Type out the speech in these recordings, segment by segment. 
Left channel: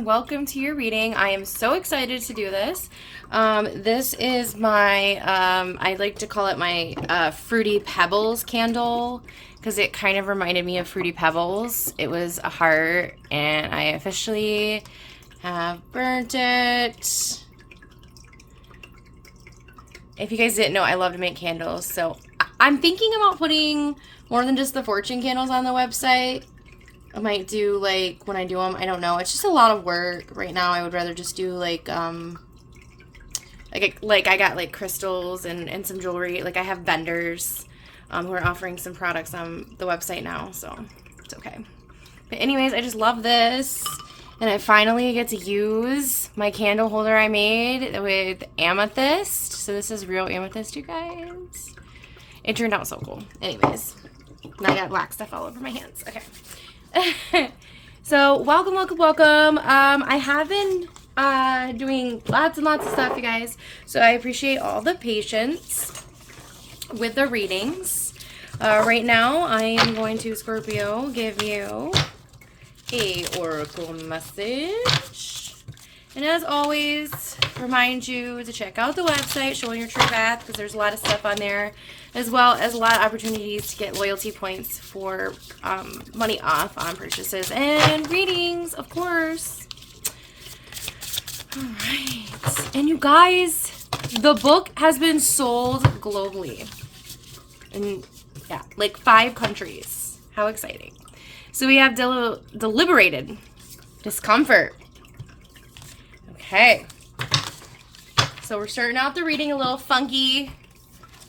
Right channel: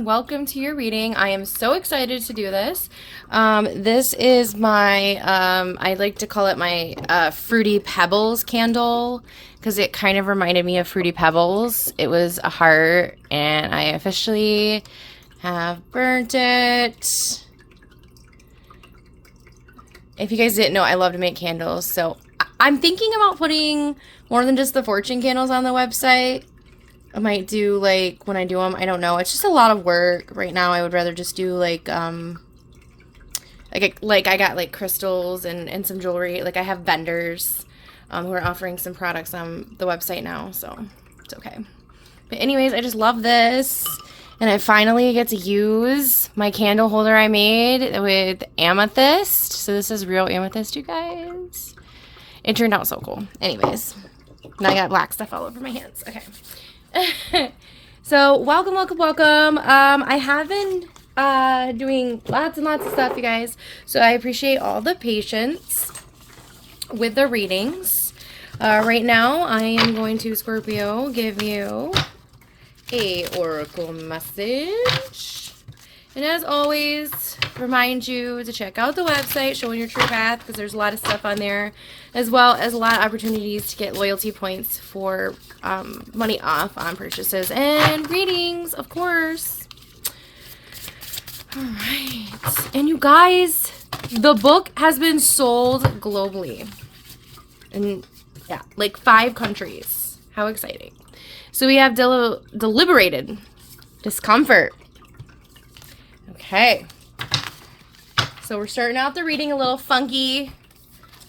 and welcome to your reading. I am so excited to do this. This is my, I like to call it my Fruity Pebbles candle because it kind of reminded me of Fruity Pebbles. It was a heart and I officially have burnt it. If you guys didn't know, I love to make candles. So I'm thinking about putting more than just the fortune candles on the website. I might do, like, when I do them, I don't know. It's just a lot of work right now. I would rather just do, like I got, like, crystals and some jewelry. Like, I have vendors who are offering some products on the website now, so it's okay. But anyways, I just love this. And I finally get to use my candle holder I made with amethyst. So this is real amethyst, you guys. It turned out so cool. Anyways, now I got black stuff all over my hands. Okay. So welcome. I have been doing lots and lots of stuff, you guys, so I appreciate all the patience with the readings. Right now I am going to, Scorpio, give you a oracle message, and as always, remind you to check out the website, Showing Your True Path, because there's a lot of stuff on there, as well as a lot of opportunities to get loyalty points for money off on purchases and readings, of course. All right. And you guys, the book has been sold globally. And yeah, like 5 countries. How exciting. So we have deliberated discomfort. Okay. So we're starting out the reading a little funky.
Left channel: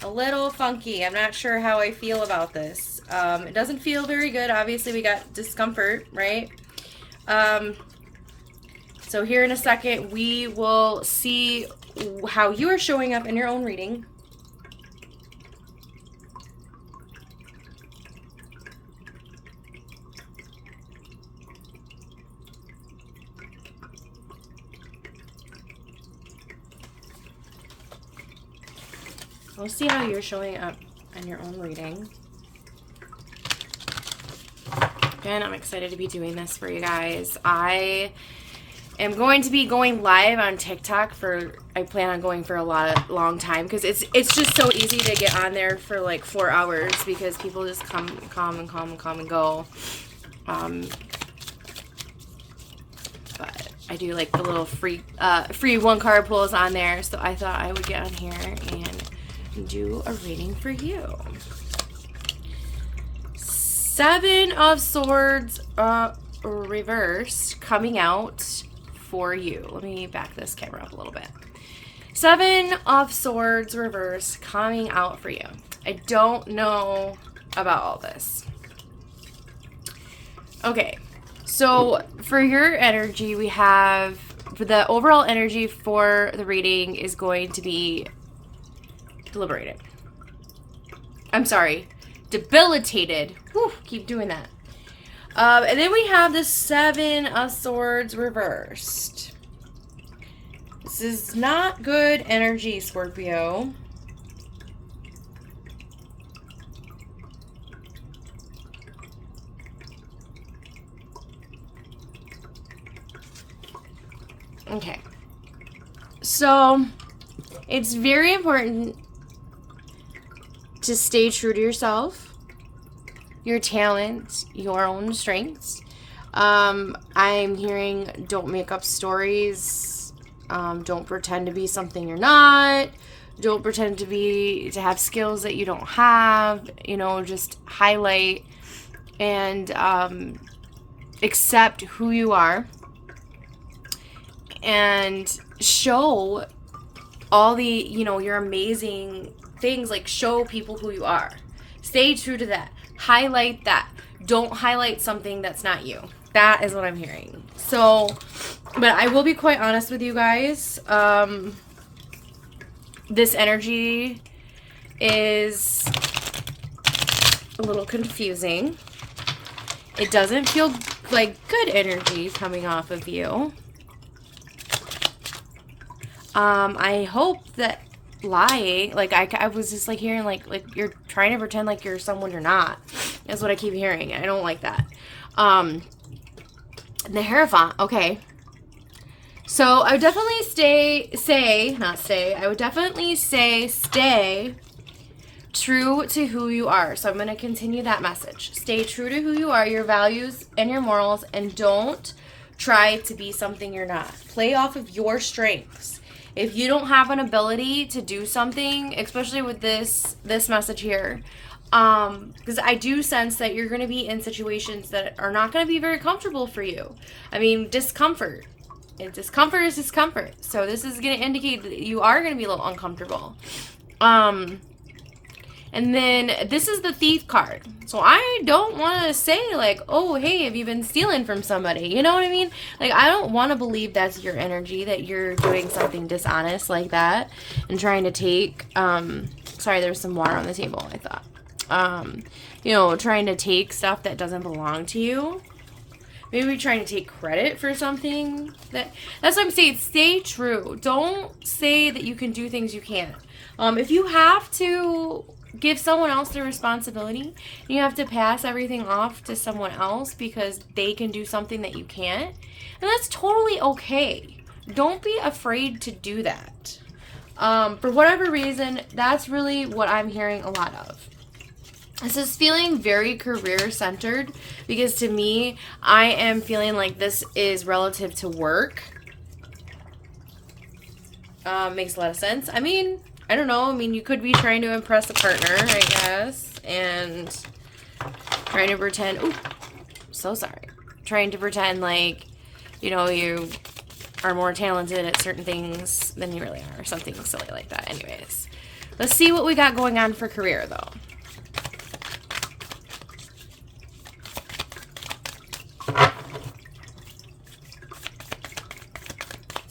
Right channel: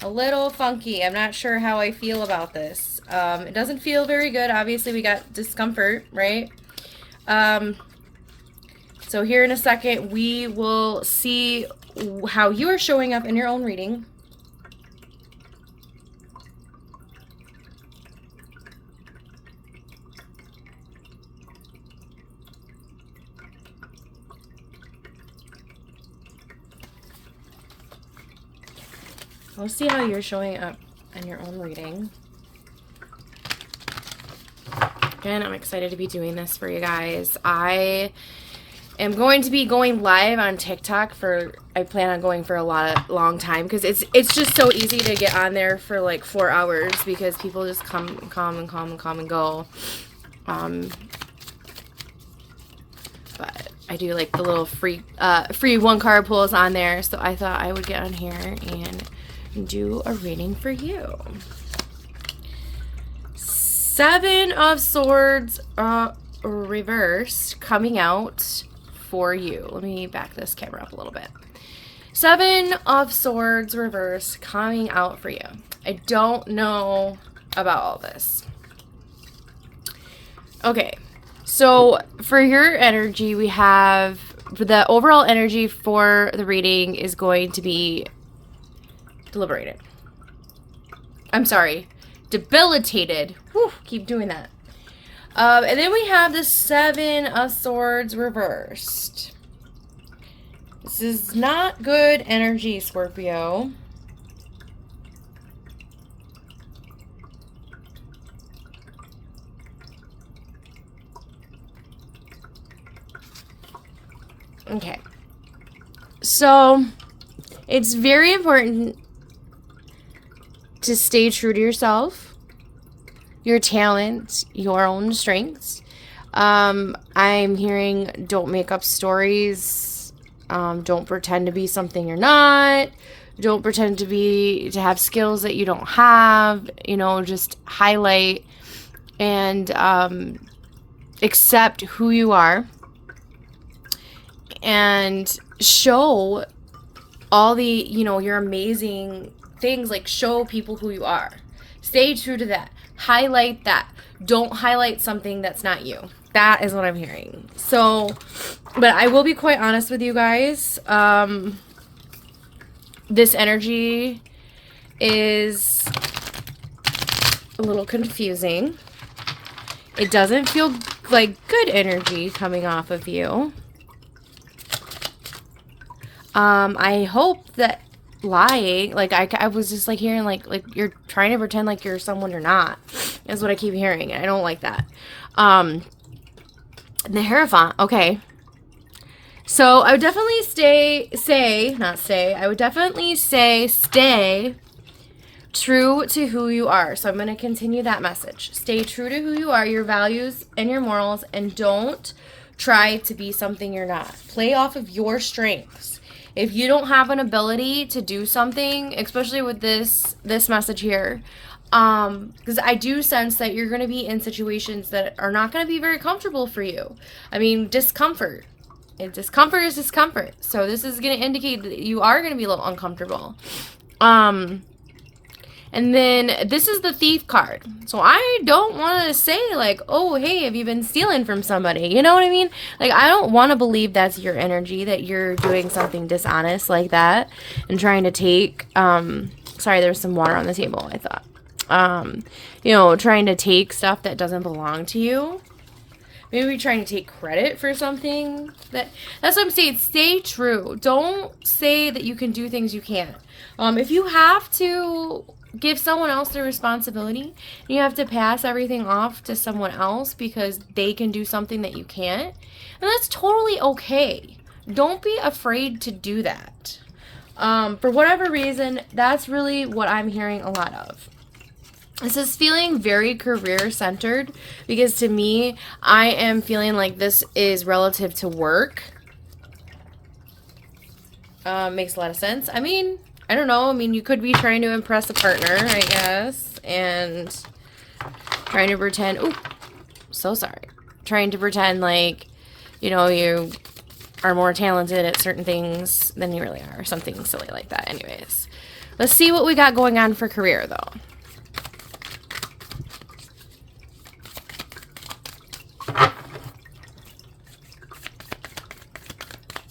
I'm not sure how I feel about this. It doesn't feel very good. Obviously, we got discomfort, right? So here in a second, we will see how you are showing up in your own reading. We'll see how you're showing up in your own reading. Again, I'm excited to be doing this for you guys. I am going to be going live on TikTok I plan on going for a long time, because it's just so easy to get on there for like 4 hours because people just come and go. But I do like the little free 1 card pulls on there, so I thought I would get on here and do a reading for you. 7 of Swords reversed coming out for you. Let me back this camera up a little bit. 7 of Swords reversed coming out for you. I don't know about all this. Okay, so for your energy, we have the overall energy for the reading is going to be deliberated. I'm sorry, debilitated. Whew, keep doing that. And then we have the 7 of Swords reversed. This is not good energy, Scorpio. Okay. So, it's very important to stay true to yourself, your talents, your own strengths. I'm hearing don't make up stories. Don't pretend to be something you're not. Don't pretend to have skills that you don't have. You know, just highlight and accept who you are and show all the, your amazing things. Like, show people who you are. Stay true to that. Highlight that. Don't highlight something that's not you. That is what I'm hearing. So, but I will be quite honest with you guys. This energy is a little confusing. It doesn't feel like good energy coming off of you. I hope that lying, like I was just like hearing like you're trying to pretend like you're someone you're not, is what I keep hearing. I don't like that. The Hierophant, okay. So I would definitely stay true to who you are. So I'm going to continue that message. Stay true to who you are, your values and your morals, and don't try to be something you're not. Play off of your strengths. If you don't have an ability to do something, especially with this message here, because I do sense that you're going to be in situations that are not going to be very comfortable for you. I mean, discomfort. And discomfort is discomfort. So this is going to indicate that you are going to be a little uncomfortable. And then this is the thief card. So I don't want to say like, oh, hey, have you been stealing from somebody? You know what I mean? Like, I don't want to believe that's your energy, that you're doing something dishonest like that and trying to take, sorry, there's some water on the table, I thought. You know, trying to take stuff that doesn't belong to you. Maybe trying to take credit for something. That's what I'm saying. Stay true. Don't say that you can do things you can't. If you have to give someone else the responsibility, you have to pass everything off to someone else because they can do something that you can't, and that's totally okay. Don't be afraid to do that. For whatever reason, that's really what I'm hearing a lot of. This is feeling very career-centered because to me, I am feeling like this is relative to work. Makes a lot of sense. I mean, I don't know. I mean, you could be trying to impress a partner, I guess, and trying to pretend, oh, so sorry. Trying to pretend like, you know, you are more talented at certain things than you really are, or something silly like that. Anyways, let's see what we got going on for career, though.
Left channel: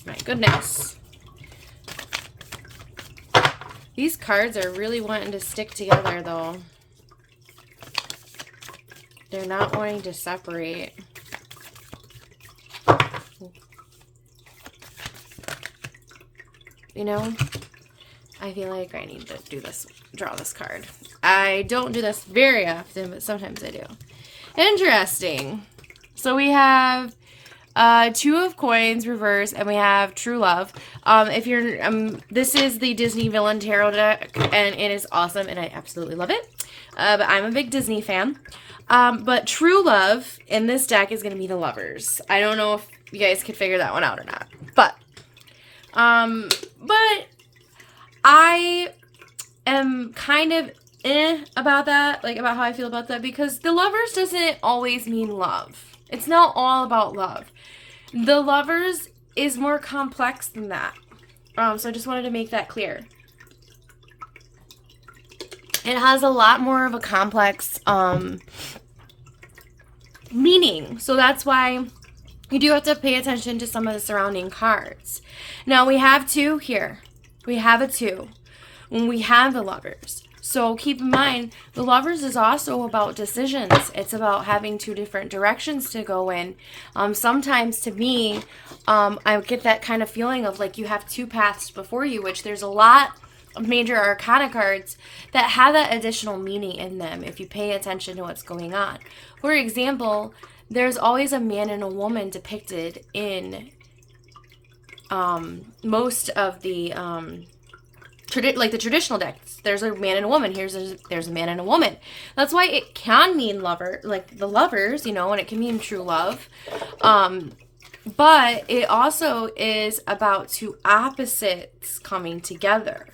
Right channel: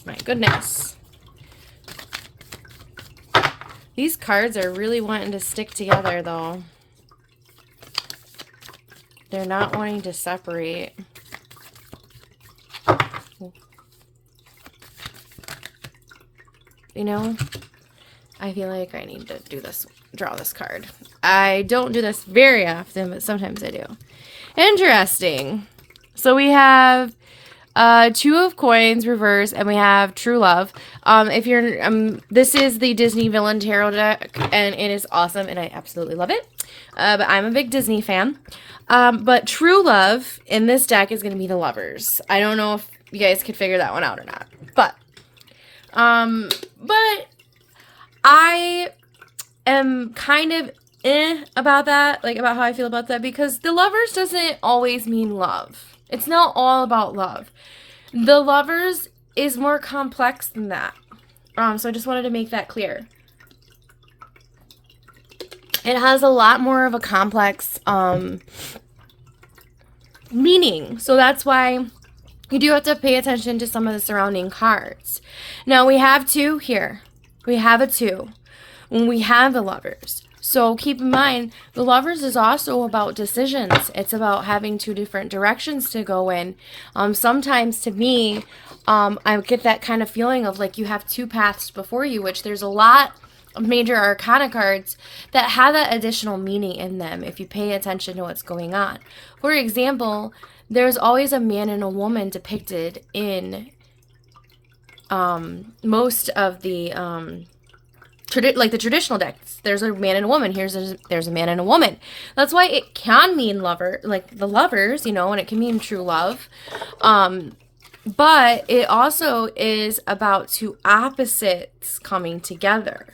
My goodness. These cards are really wanting to stick together, though. They're not wanting to separate. You know, I feel like I need to do this, draw this card. I don't do this very often, but sometimes I do. Interesting. So we have Two of Coins reverse, and we have True Love. If you're this is the Disney Villain Tarot deck, and it is awesome, and I absolutely love it. But I'm a big Disney fan. But True Love in this deck is going to be the Lovers. I don't know if you guys could figure that one out or not, but I am kind of about that, like about how I feel about that, because the Lovers doesn't always mean love. It's not all about love. The Lovers is more complex than that. So I just wanted to make that clear. It has a lot more of a complex meaning. So that's why you do have to pay attention to some of the surrounding cards. Now we have two here. We have a two. And we have the Lovers. So keep in mind, the Lovers is also about decisions. It's about having two different directions to go in. Sometimes to me, I get that kind of feeling of like you have two paths before you, which there's a lot of major arcana cards that have that additional meaning in them if you pay attention to what's going on. For example, there's always a man and a woman depicted in most of the like the traditional decks. There's a man and a woman. There's a man and a woman. That's why it can mean lover, like the Lovers, you know, and it can mean true love. But it also is about two opposites coming together,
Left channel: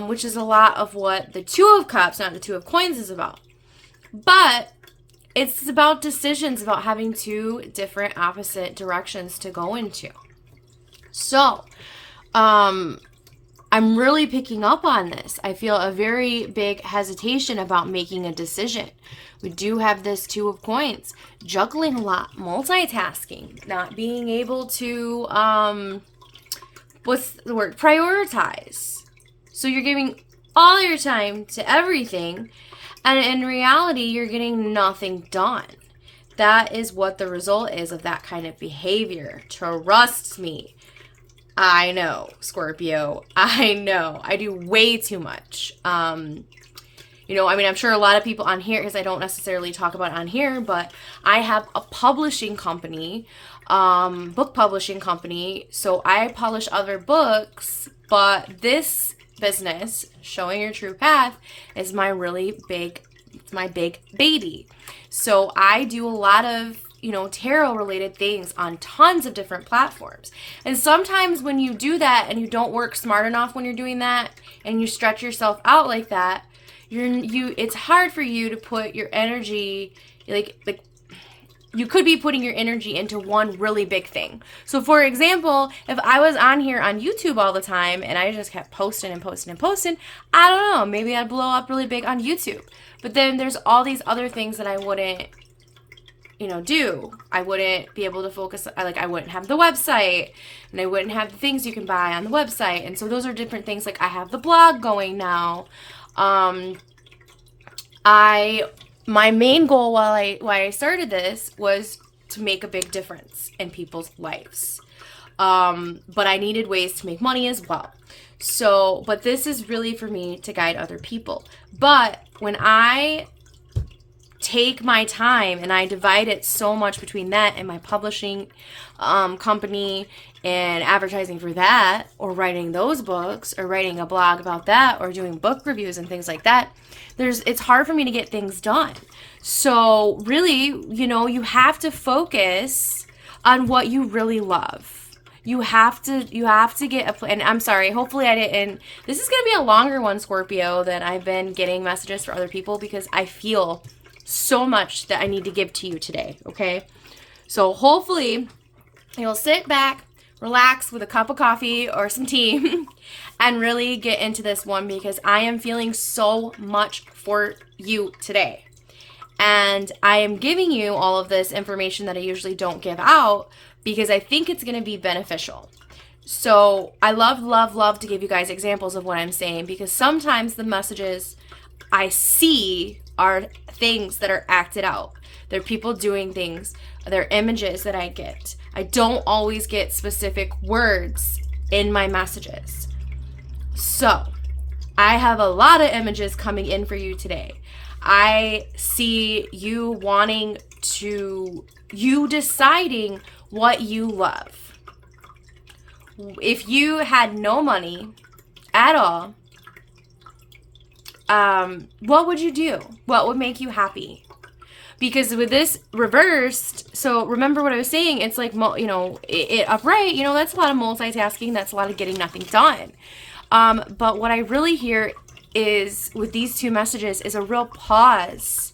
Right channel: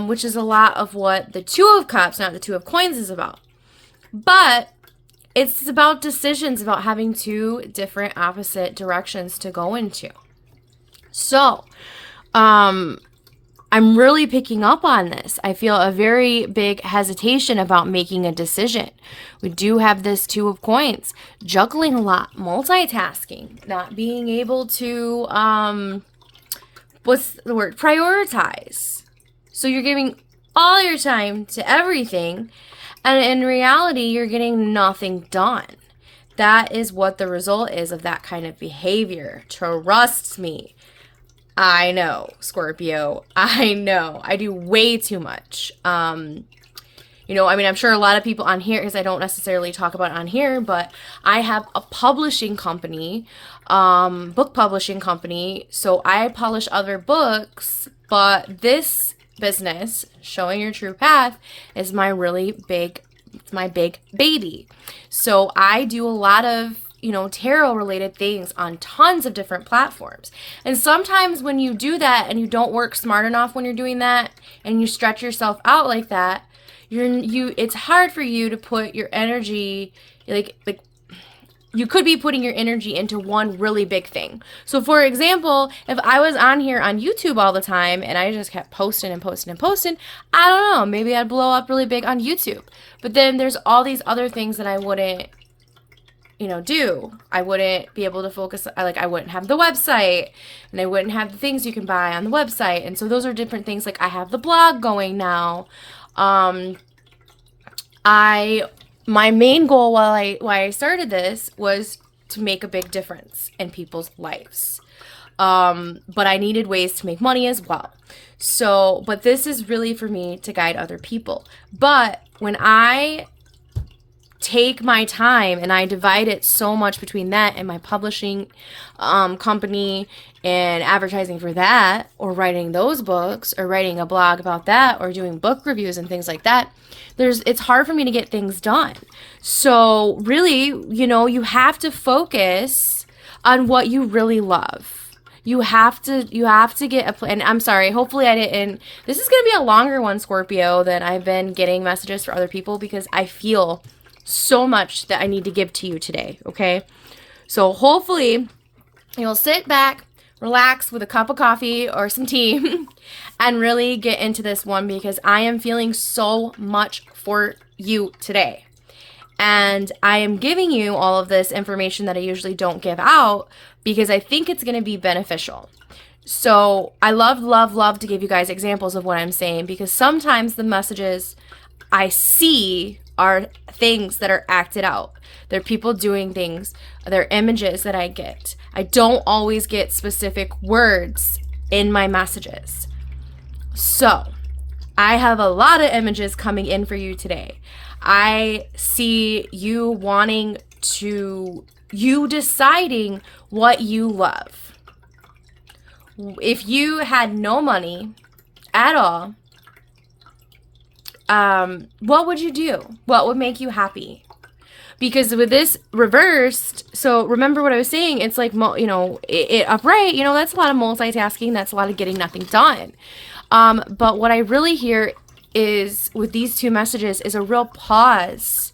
which is a lot of what the Two of Cups, not the Two of Coins, is about. But it's about decisions, about having two different opposite directions to go into. So, I'm really picking up on this. I feel a very big hesitation about making a decision. We do have this Two of Coins, juggling a lot, multitasking, not being able to, what's the word? Prioritize. So you're giving all your time to everything, and in reality, you're getting nothing done. That is what the result is of that kind of behavior. Trust me. I know, Scorpio. I know. I do way too much. You know, I mean, I'm sure a lot of people on here, because I don't necessarily talk about it on here, but I have a publishing company book publishing company. So I publish other books, but this business, Showing Your True Path, is my really big, it's my big baby. So I do a lot of, tarot related things on tons of different platforms. And sometimes when you do that and you don't work smart enough when you're doing that and you stretch yourself out like that, it's hard for you to put your energy, like you could be putting your energy into one really big thing. So for example, if I was on here on YouTube all the time and I just kept posting and posting and posting, I don't know, maybe I'd blow up really big on YouTube. But then there's all these other things that I wouldn't, do. I wouldn't be able to focus, I wouldn't have the website, and I wouldn't have the things you can buy on the website. And so those are different things. Like I have the blog going now. My main goal why I started this was to make a big difference in people's lives. But I needed ways to make money as well. So, but this is really for me to guide other people. But when I take my time and I divide it so much between that and my publishing company and advertising for that, or writing those books, or writing a blog about that, or doing book reviews and things like that, it's hard for me to get things done. So really, you have to focus on what you really love. You have to get a plan. I'm sorry, hopefully I didn't. This is going to be a longer one, Scorpio, than I've been getting messages for other people, because I feel so much that I need to give to you today, okay? So hopefully you'll sit back, relax with a cup of coffee or some tea and really get into this one, because I am feeling so much for you today. And I am giving you all of this information that I usually don't give out because I think it's going to be beneficial. So I love to give you guys examples of what I'm saying, because sometimes the messages I see are things that are acted out. They're people doing things. They're images that I get. I don't always get specific words in my messages. So I have a lot of images coming in for you today. I see you deciding what you love. If you had no money at all, what would you do? What would make you happy? Because with this reversed, so remember what I was saying, it's like, it upright, that's a lot of multitasking. That's a lot of getting nothing done. But what I really hear is, with these two messages, is a real pause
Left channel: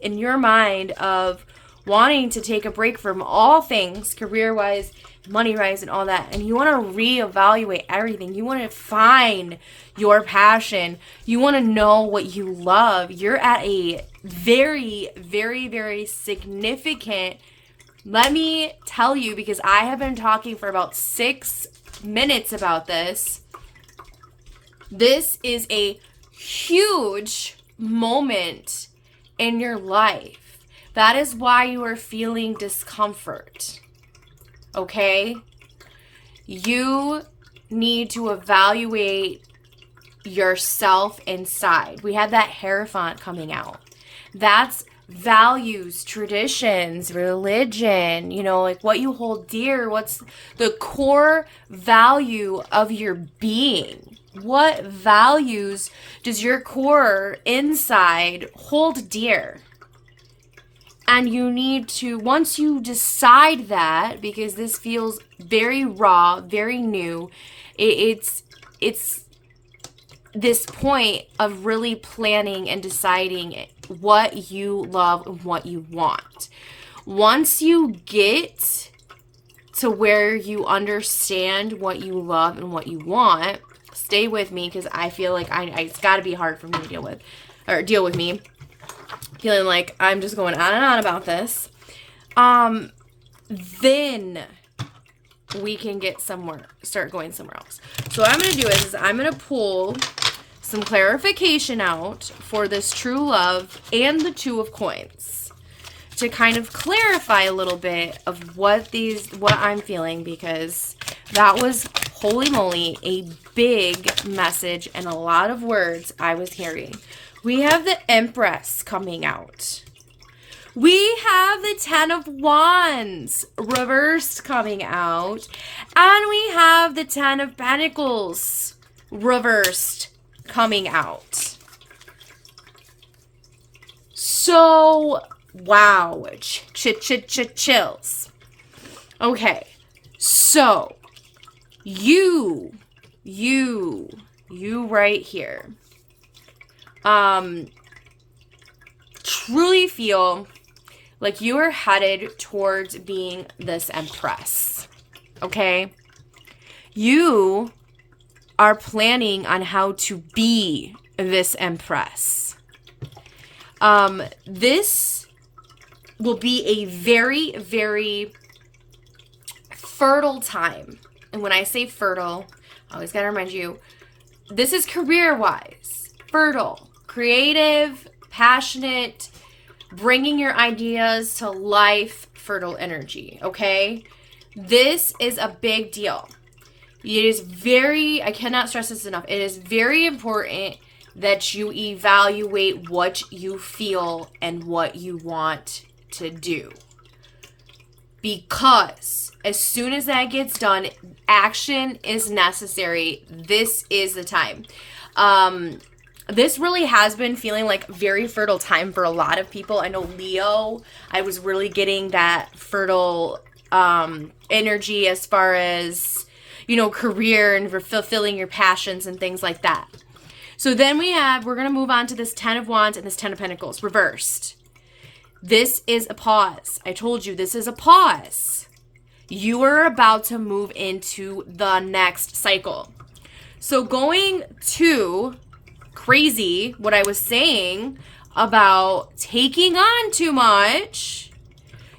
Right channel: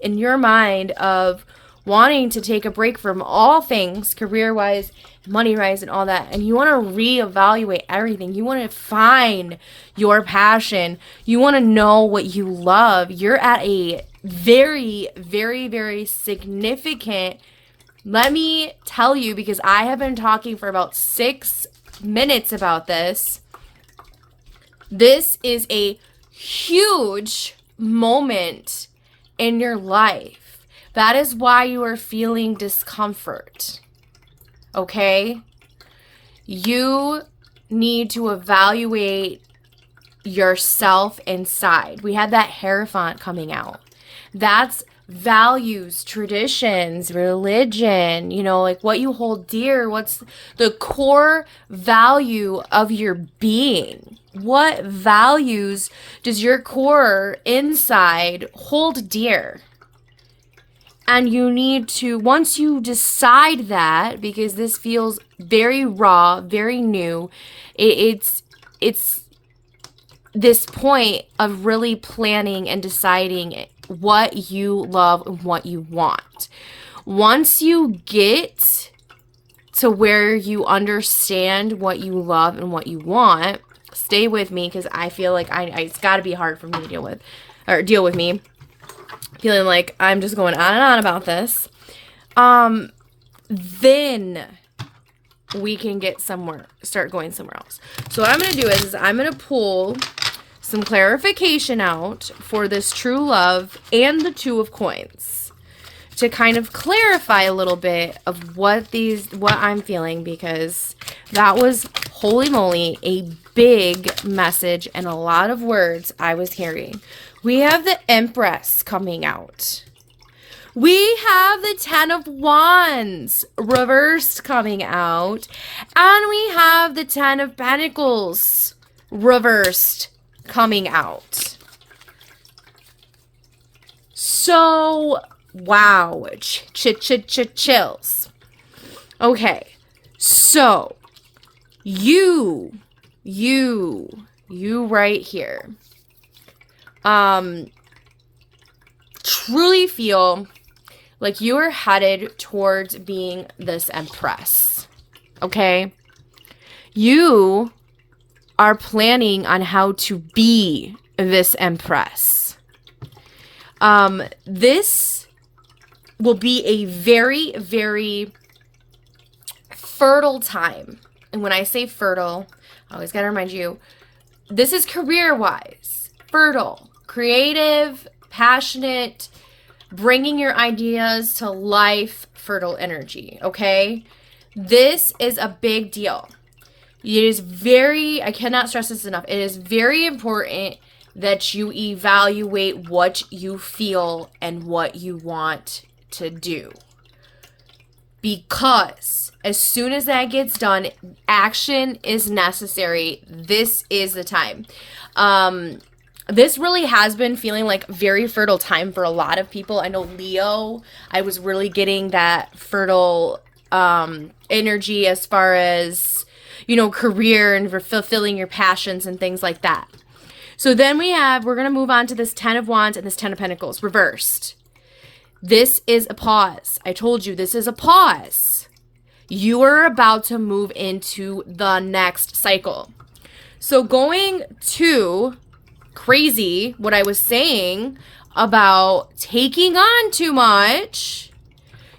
in your mind of wanting to take a break from all things, career-wise, money-wise, and all that. And you want to reevaluate everything. You want to find your passion. You want to know what you love. You're at a very, very, very significant, let me tell you, because I have been talking for about 6 minutes about this. This is a huge moment in your life. That is why you are feeling discomfort. Okay? You need to evaluate yourself inside. We had that Hierophant coming out. That's values, traditions, religion, like what you hold dear, what's the core value of your being. What values does your core inside hold dear? And you need to, once you decide that, because this feels very raw, very new, it's this point of really planning and deciding what you love and what you want. Once you get to where you understand what you love and what you want, stay with me, because I feel like it's got to be hard for me to deal with me. Feeling like I'm just going on and on about this. Then we can start going somewhere else. So what I'm going to do is I'm going to pull some clarification out for this true love and the Two of Coins to kind of clarify a little bit of what I'm feeling, because that was, holy moly, a big message and a lot of words I was hearing. We have the Empress coming out. We have the Ten of Wands reversed coming out. And we have the Ten of Pentacles reversed coming out. So, wow. Chills. Okay. So, you right here. Truly feel like you are headed towards being this Empress. Okay? You are planning on how to be this Empress. This will be a very, very fertile time. And when I say fertile, I always got to remind you, this is career-wise. Fertile, creative, passionate, bringing your ideas to life, fertile energy, okay? This is a big deal. It is very, I cannot stress this enough, it is very important that you evaluate what you feel and what you want to do. Because as soon as that gets done, action is necessary. This is the time. This really has been feeling like very fertile time for a lot of people. I know Leo, I was really getting that fertile energy as far as, you know, career and fulfilling your passions and things like that. So then we're going to move on to this Ten of Wands and this Ten of Pentacles reversed. This is a pause. I told you this is a pause. You are about to move into the next cycle. So going to crazy, what I was saying about taking on too much,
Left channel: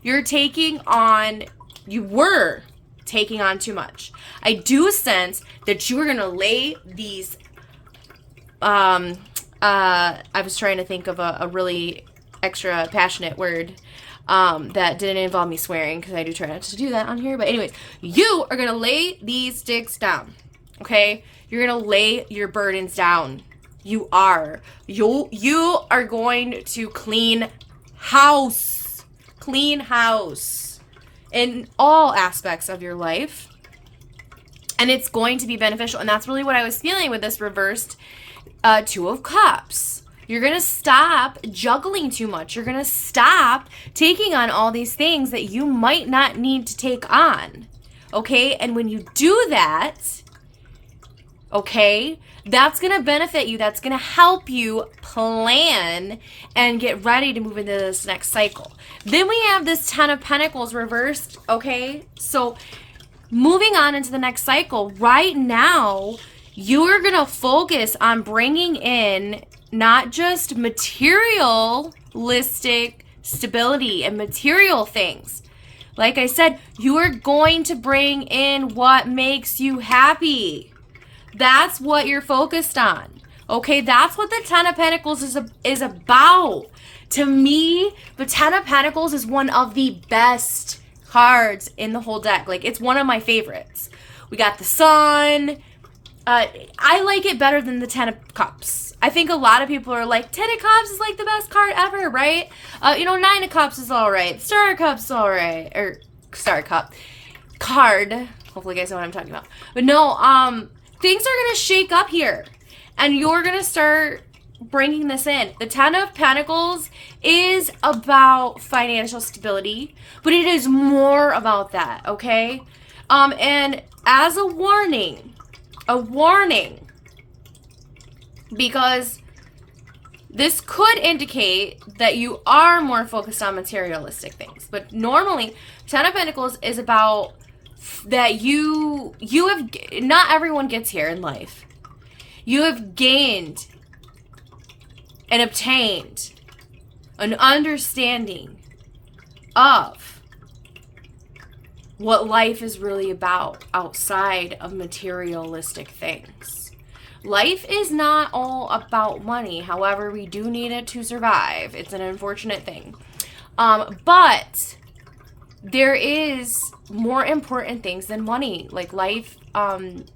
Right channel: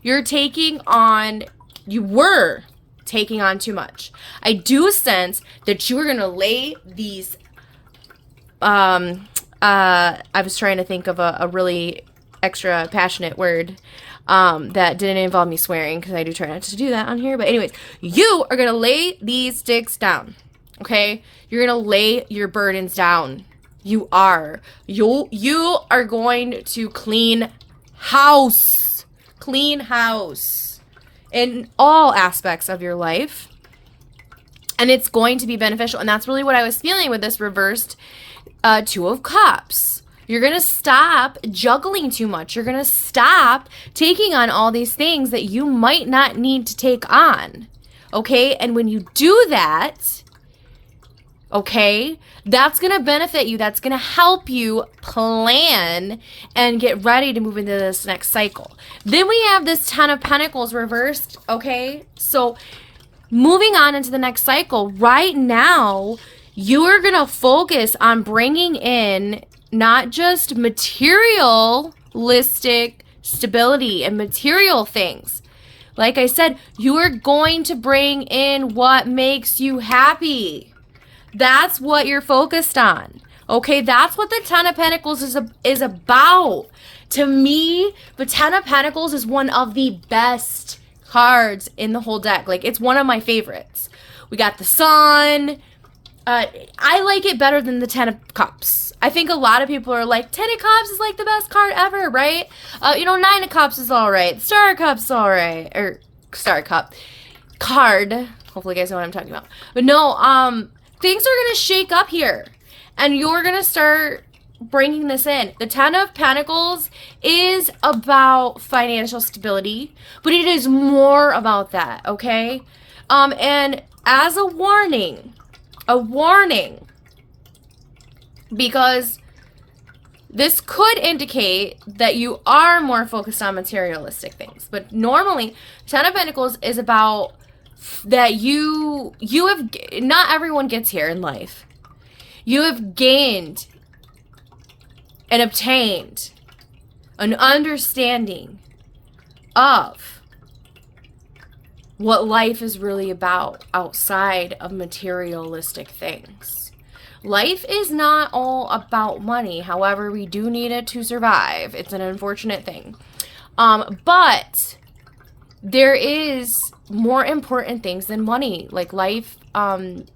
you were taking on too much. I do sense that you are going to lay these, I was trying to think of a really extra passionate word that didn't involve me swearing, because I do try not to do that on here. But anyways, you are going to lay these sticks down, okay? You're going to lay your burdens down. You are. You are going to clean house in all aspects of your life. And it's going to be beneficial. And that's really what I was feeling with this reversed Two of Cups. You're going to stop juggling too much. You're going to stop taking on all these things that you might not need to take on. Okay? And when you do that, okay, that's going to benefit you. That's going to help you plan and get ready to move into this next cycle. Then we have this Ten of Pentacles reversed. Okay? So moving on into the next cycle, right now, you are going to focus on bringing in not just materialistic stability and material things. Like I said, you are going to bring in what makes you happy. That's what you're focused on. Okay, that's what the Ten of Pentacles is about. To me, the Ten of Pentacles is one of the best cards in the whole deck. Like, it's one of my favorites. We got the Sun. I like it better than the Ten of Cups. I think a lot of people are like, Ten of Cups is like the best card ever, right? Nine of Cups is all right. Star of Cups is all right. Or Star Cup card. Hopefully you guys know what I'm talking about. But no, things are going to shake up here. And you're going to start bringing this in. The Ten of Pentacles is about financial stability, but it is more about that, okay? And as a warning, because this could indicate that you are more focused on materialistic things. But normally, Ten of Pentacles is about that you have, not everyone gets here in life. You have gained and obtained an understanding of what life is really about outside of materialistic things. Life is not all about money. However, we do need it to survive. It's an unfortunate thing. But there is more important things than money, like life. And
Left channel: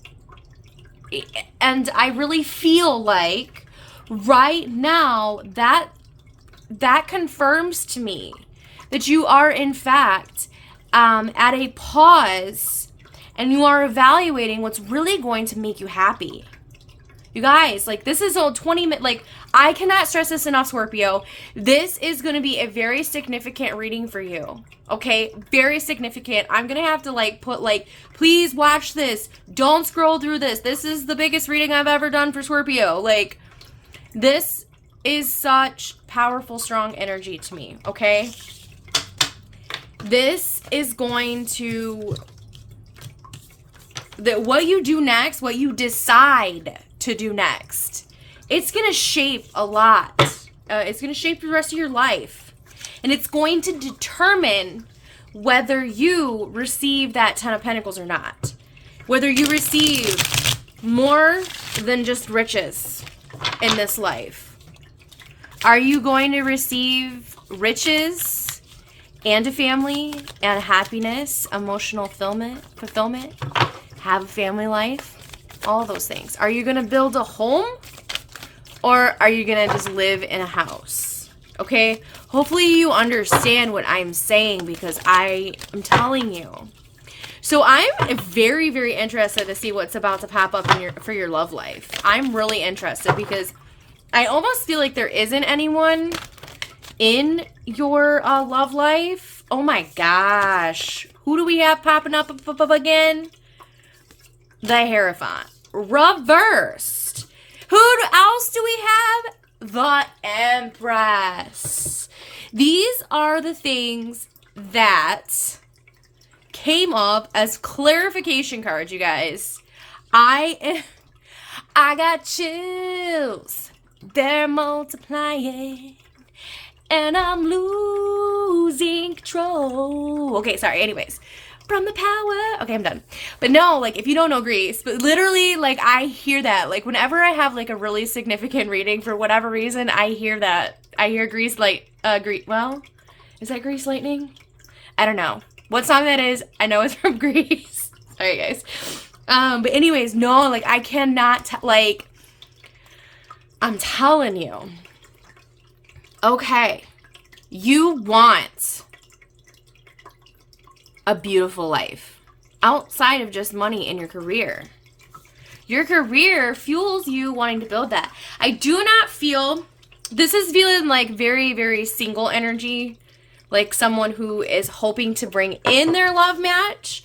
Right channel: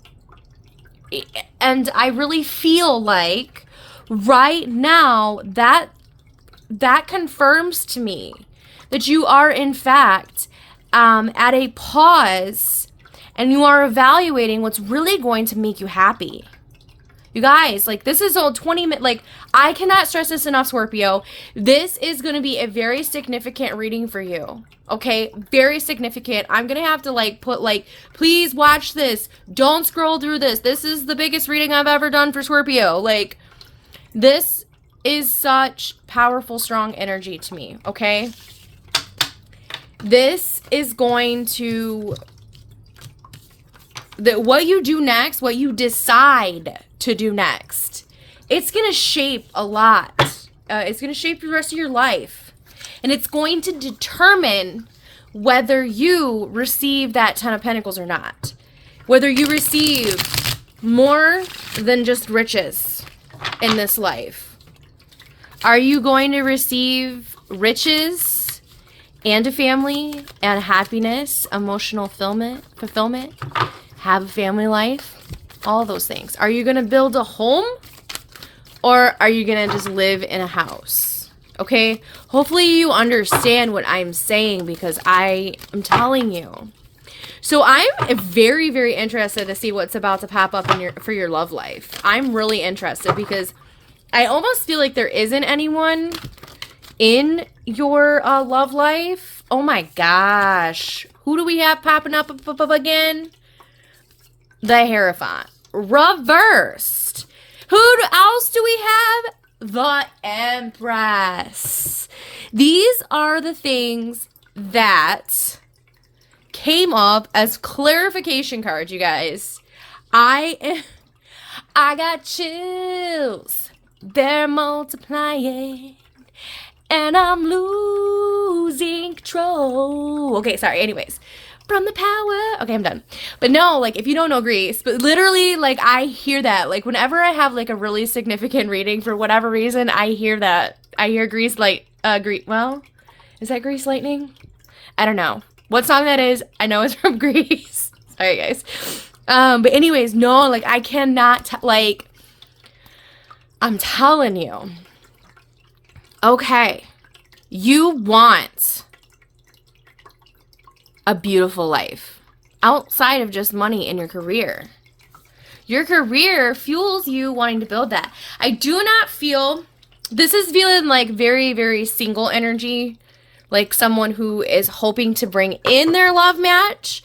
I really feel like right now that confirms to me that you are, in fact, at a pause and you are evaluating what's really going to make you happy. You guys, like, this is all 20 minutes. Like, I cannot stress this enough, Scorpio. This is going to be a very significant reading for you. Okay? Very significant. I'm going to have to, like, put, like, please watch this. Don't scroll through this. This is the biggest reading I've ever done for Scorpio. Like, this is such powerful, strong energy to me. Okay? This is going to... what you do next, what you decide to do next, it's going to shape a lot. It's going to shape the rest of your life. And it's going to determine whether you receive that 10 of Pentacles or not. Whether you receive more than just riches in this life. Are you going to receive riches and a family and happiness, emotional fulfillment, have a family life? All those things. Are you going to build a home? Or are you going to just live in a house? Okay? Hopefully you understand what I'm saying, because I am telling you. So I'm very, very interested to see what's about to pop up in for your love life. I'm really interested, because I almost feel like there isn't anyone in your love life. Oh my gosh. Who do we have popping up again? The Hierophant. Reversed. Who else do we have? The Empress. These are the things that came up as clarification cards, you guys. I got chills. They're multiplying. And I'm losing control. Okay, sorry. Anyways. From the power. Okay, I'm done. But no, like, if you don't know Greece, but literally, like, I hear that. Like, whenever I have, like, a really significant reading, for whatever reason, I hear that. I hear Greece, like, well, is that Grease Lightning? I don't know. What song that is, I know it's from Greece. Sorry, guys. But anyways, no, like, I cannot, like, I'm telling you. Okay. You want a beautiful life outside of just money in your career. Your career fuels you wanting to build that. I do not feel, this is feeling like very, very single energy, like someone who is hoping to bring in their love match.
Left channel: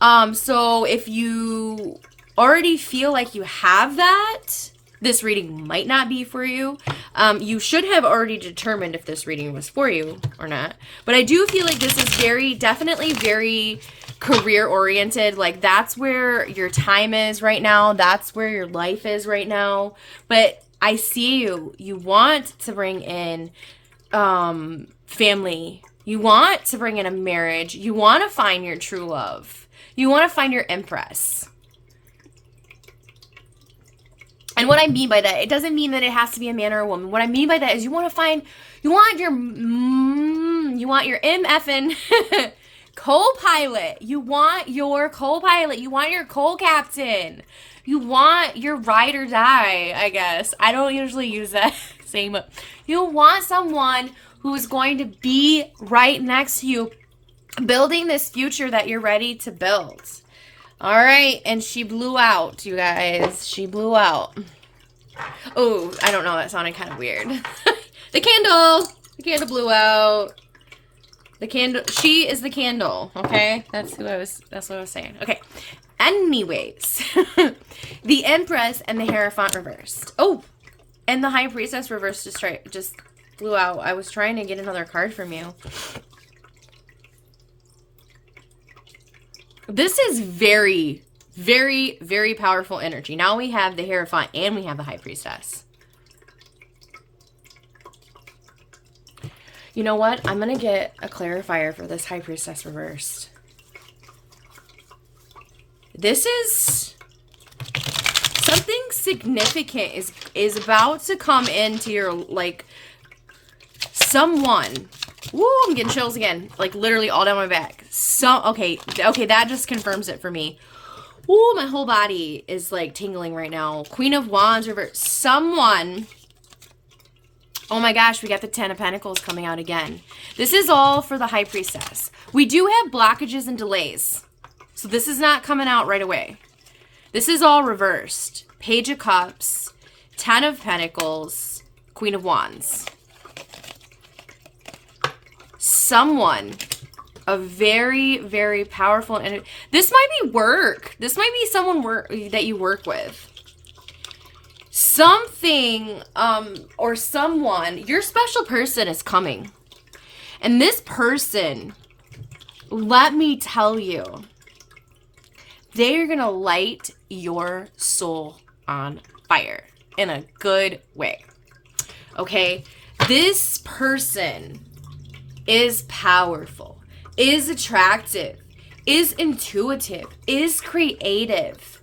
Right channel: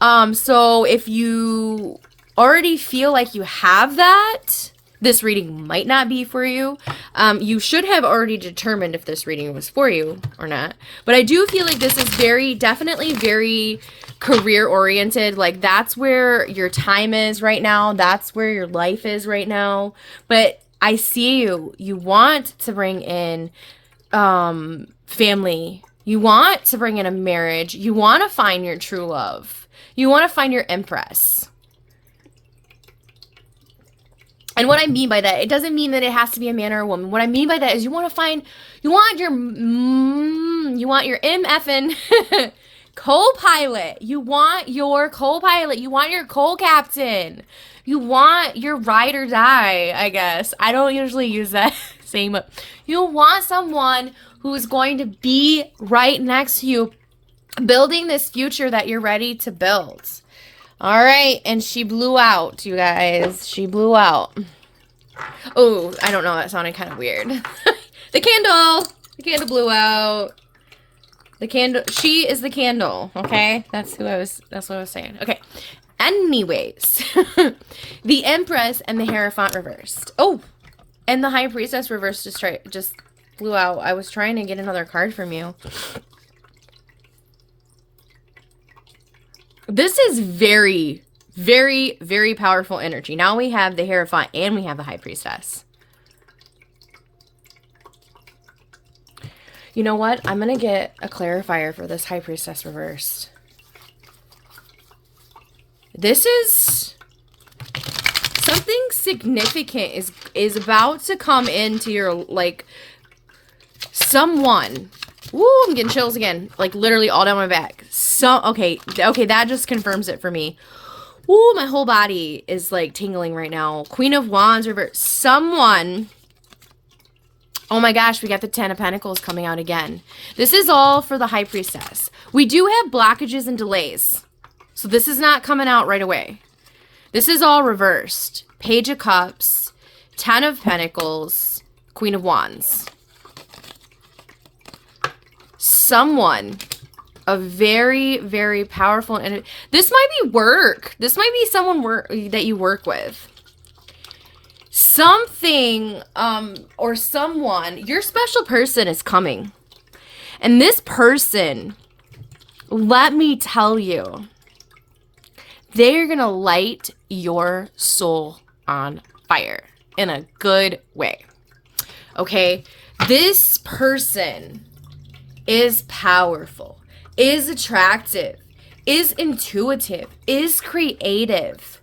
So if you already feel like you have that, this reading might not be for you. You should have already determined if this reading was for you or not. But I do feel like this is definitely very career-oriented. Like, that's where your time is right now. That's where your life is right now. But I see you. You want to bring in family. You want to bring in a marriage. You want to find your true love. You want to find your Empress. And what I mean by that, it doesn't mean that it has to be a man or a woman. What I mean by that is you want your MFN co-pilot. You want your co-pilot. You want your co-captain. You want your ride or die, I guess. I don't usually use that same. You want someone who's going to be right next to you, building this future that you're ready to build. All right, and she blew out, you guys. She blew out. Oh, I don't know. That sounded kind of weird. The candle blew out. The candle. She is the candle. Okay, that's what I was saying. Okay. Anyways, the Empress and the Hierophant reversed. Oh, and the High Priestess reversed just blew out. I was trying to get another card from you. This is very, very, very powerful energy. Now we have the Hierophant and we have the High Priestess. You know what? I'm going to get a clarifier for this High Priestess reversed. This is something significant is about to come into your, like, someone. Woo, I'm getting chills again. Like, literally all down my back. So, okay, that just confirms it for me. Woo, my whole body is, like, tingling right now. Queen of Wands reversed. Someone Oh my gosh, we got the Ten of Pentacles coming out again. This is all for the High Priestess. We do have blockages and delays. So this is not coming out right away. This is all reversed. Page of Cups, Ten of Pentacles, Queen of Wands. Someone, a very, very powerful, and this might be work. This might be someone that you work with. Something, or someone, your special person is coming. And this person, let me tell you, they're going to light your soul on fire in a good way. Okay? This person is powerful, is attractive, is intuitive, is creative.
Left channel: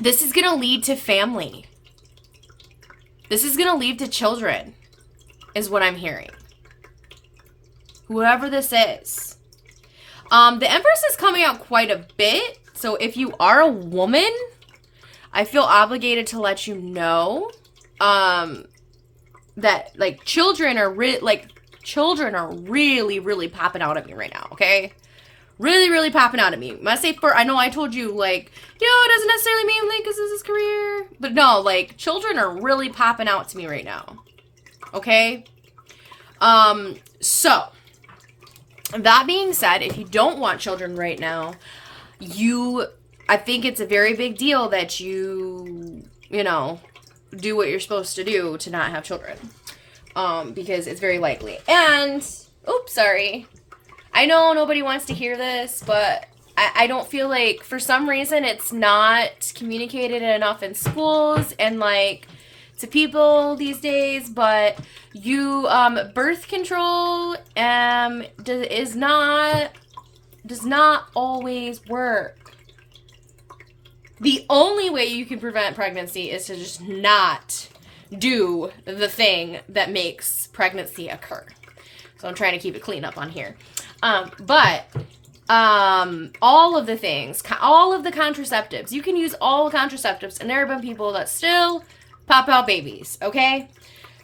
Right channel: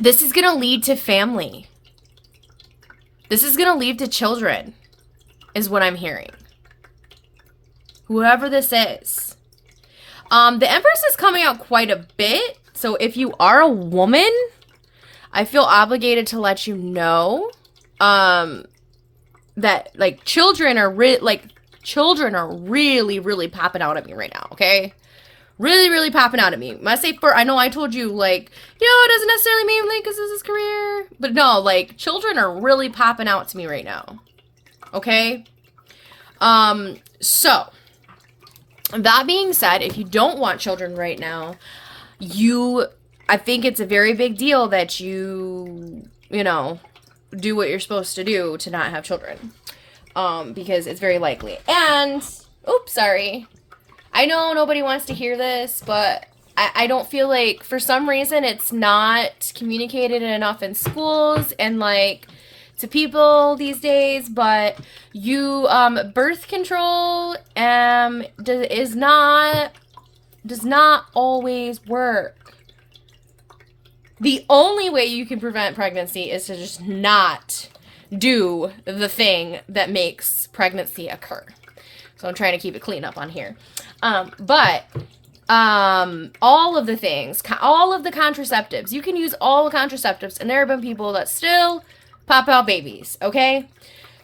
This is going to lead to family. This is going to lead to children, is what I'm hearing. Whoever this is. The Empress is coming out quite a bit. So if you are a woman, I feel obligated to let you know that like children are really, really popping out at me right now, okay? Really, really popping out at me. When I say I know I told you, like, it doesn't necessarily mean, like, this is his career. But no, like, children are really popping out to me right now. Okay? So, that being said, if you don't want children right now, I think it's a very big deal that you do what you're supposed to do to not have children. Because it's very likely. And, oops, sorry. I know nobody wants to hear this, but I don't feel like, for some reason, it's not communicated enough in schools and, like, to people these days, but birth control does not always work. The only way you can prevent pregnancy is to just not do the thing that makes pregnancy occur. So I'm trying to keep it clean up on here. But all of the things, all of the contraceptives, you can use all the contraceptives, and there have been people that still pop out babies, okay?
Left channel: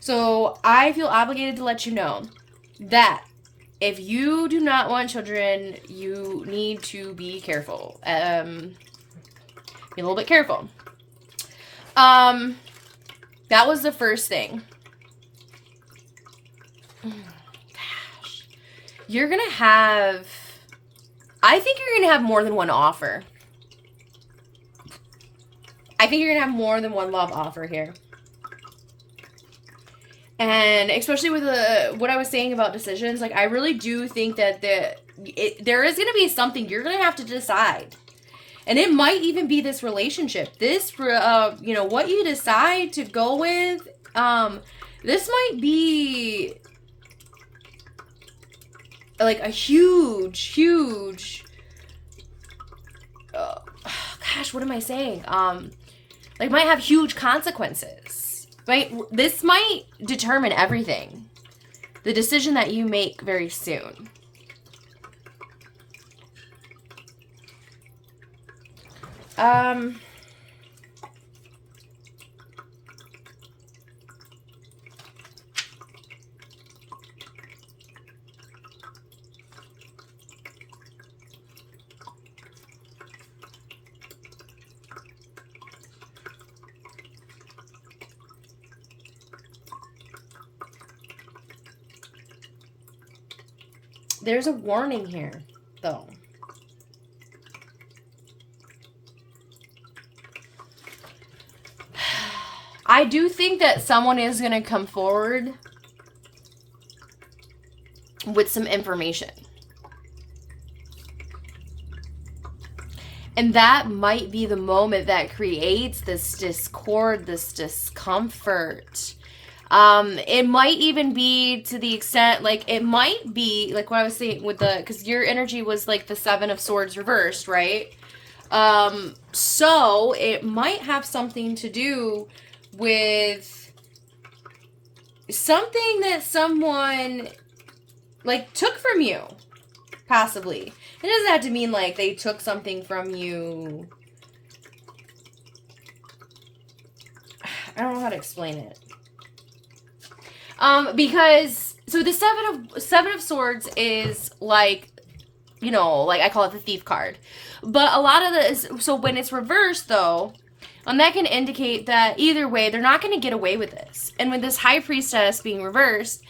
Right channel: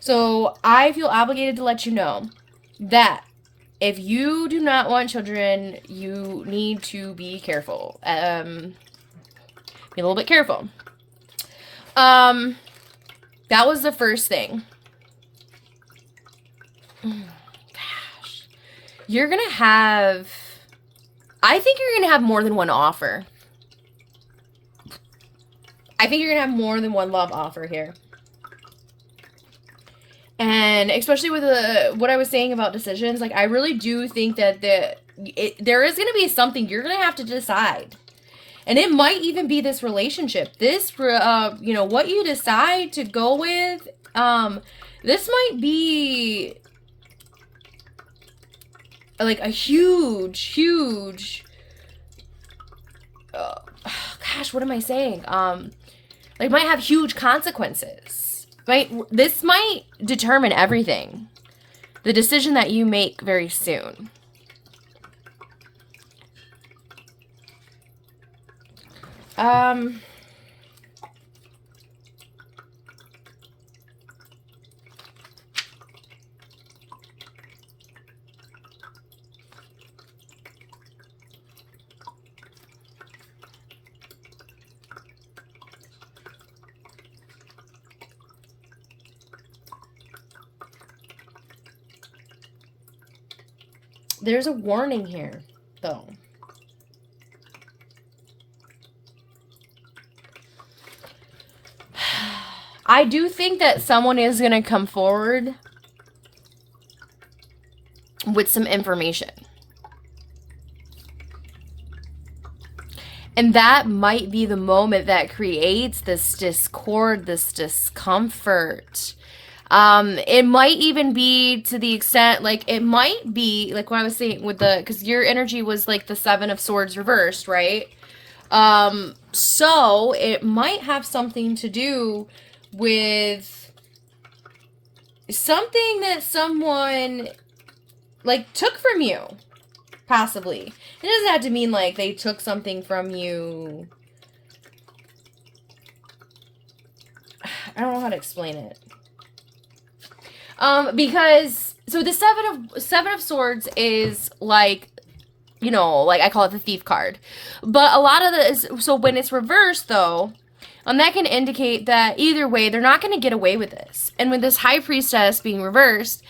So I feel obligated to let you know that if you do not want children, you need to be careful. Be a little bit careful. That was the first thing. You're going to have, I think you're going to have more than one offer. I think you're going to have more than one love offer here. And especially with what I was saying about decisions, like, I really do think that there is going to be something you're going to have to decide. And it might even be this relationship. This, what you decide to go with, this might be like a huge, gosh, what am I saying? Like, might have huge consequences. This might determine everything. The decision that you make very soon. There's a warning here, though. I do think that someone is going to come forward with some information. And that might be the moment that creates this discord, this discomfort. It might even be to the extent, like, it might be, like what I was saying with because your energy was like the Seven of Swords reversed, right? So it might have something to do with something that someone, like, took from you, possibly. It doesn't have to mean, like, they took something from you. I don't know how to explain it. Because so the seven of swords is like, you know, like I call it the thief card. But a lot of so when it's reversed though, that can indicate that either way, they're not going to get away with this. And with this high priestess being reversed,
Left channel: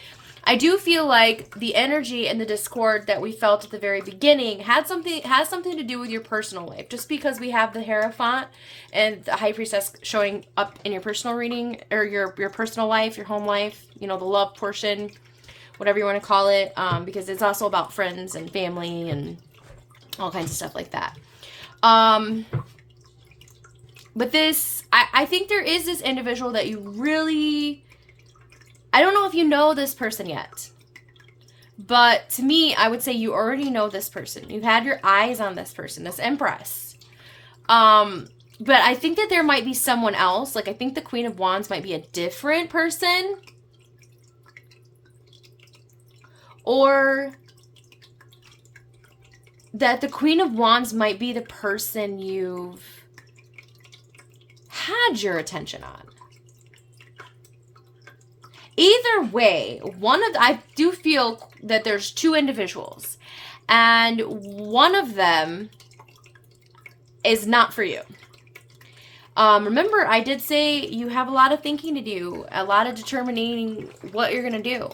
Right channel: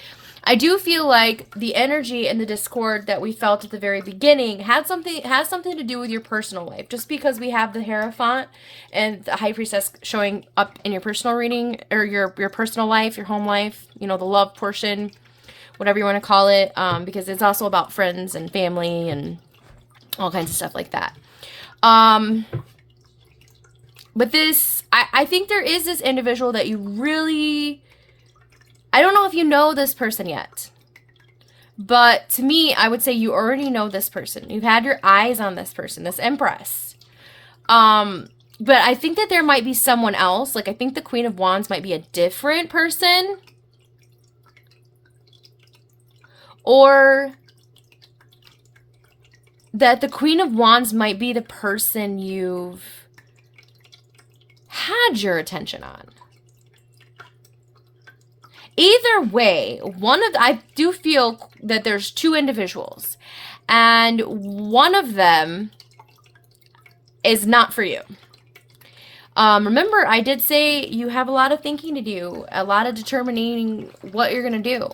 I do feel like the energy and the discord that we felt at the very beginning has something to do with your personal life. Just because we have the Hierophant and the High Priestess showing up in your personal reading, or your personal life, your home life, you know, the love portion, whatever you want to call it, because it's also about friends and family and all kinds of stuff like that. But this, I think there is this individual that you really... I don't know if you know this person yet, but to me, I would say you already know this person. You've had your eyes on this person, this Empress. But I think that there might be someone else. Like, I think the Queen of Wands might be a different person. Or that the Queen of Wands might be the person you've had your attention on. Either way, I do feel that there's two individuals, and one of them is not for you. Remember, I did say you have a lot of thinking to do, a lot of determining what you're going to do.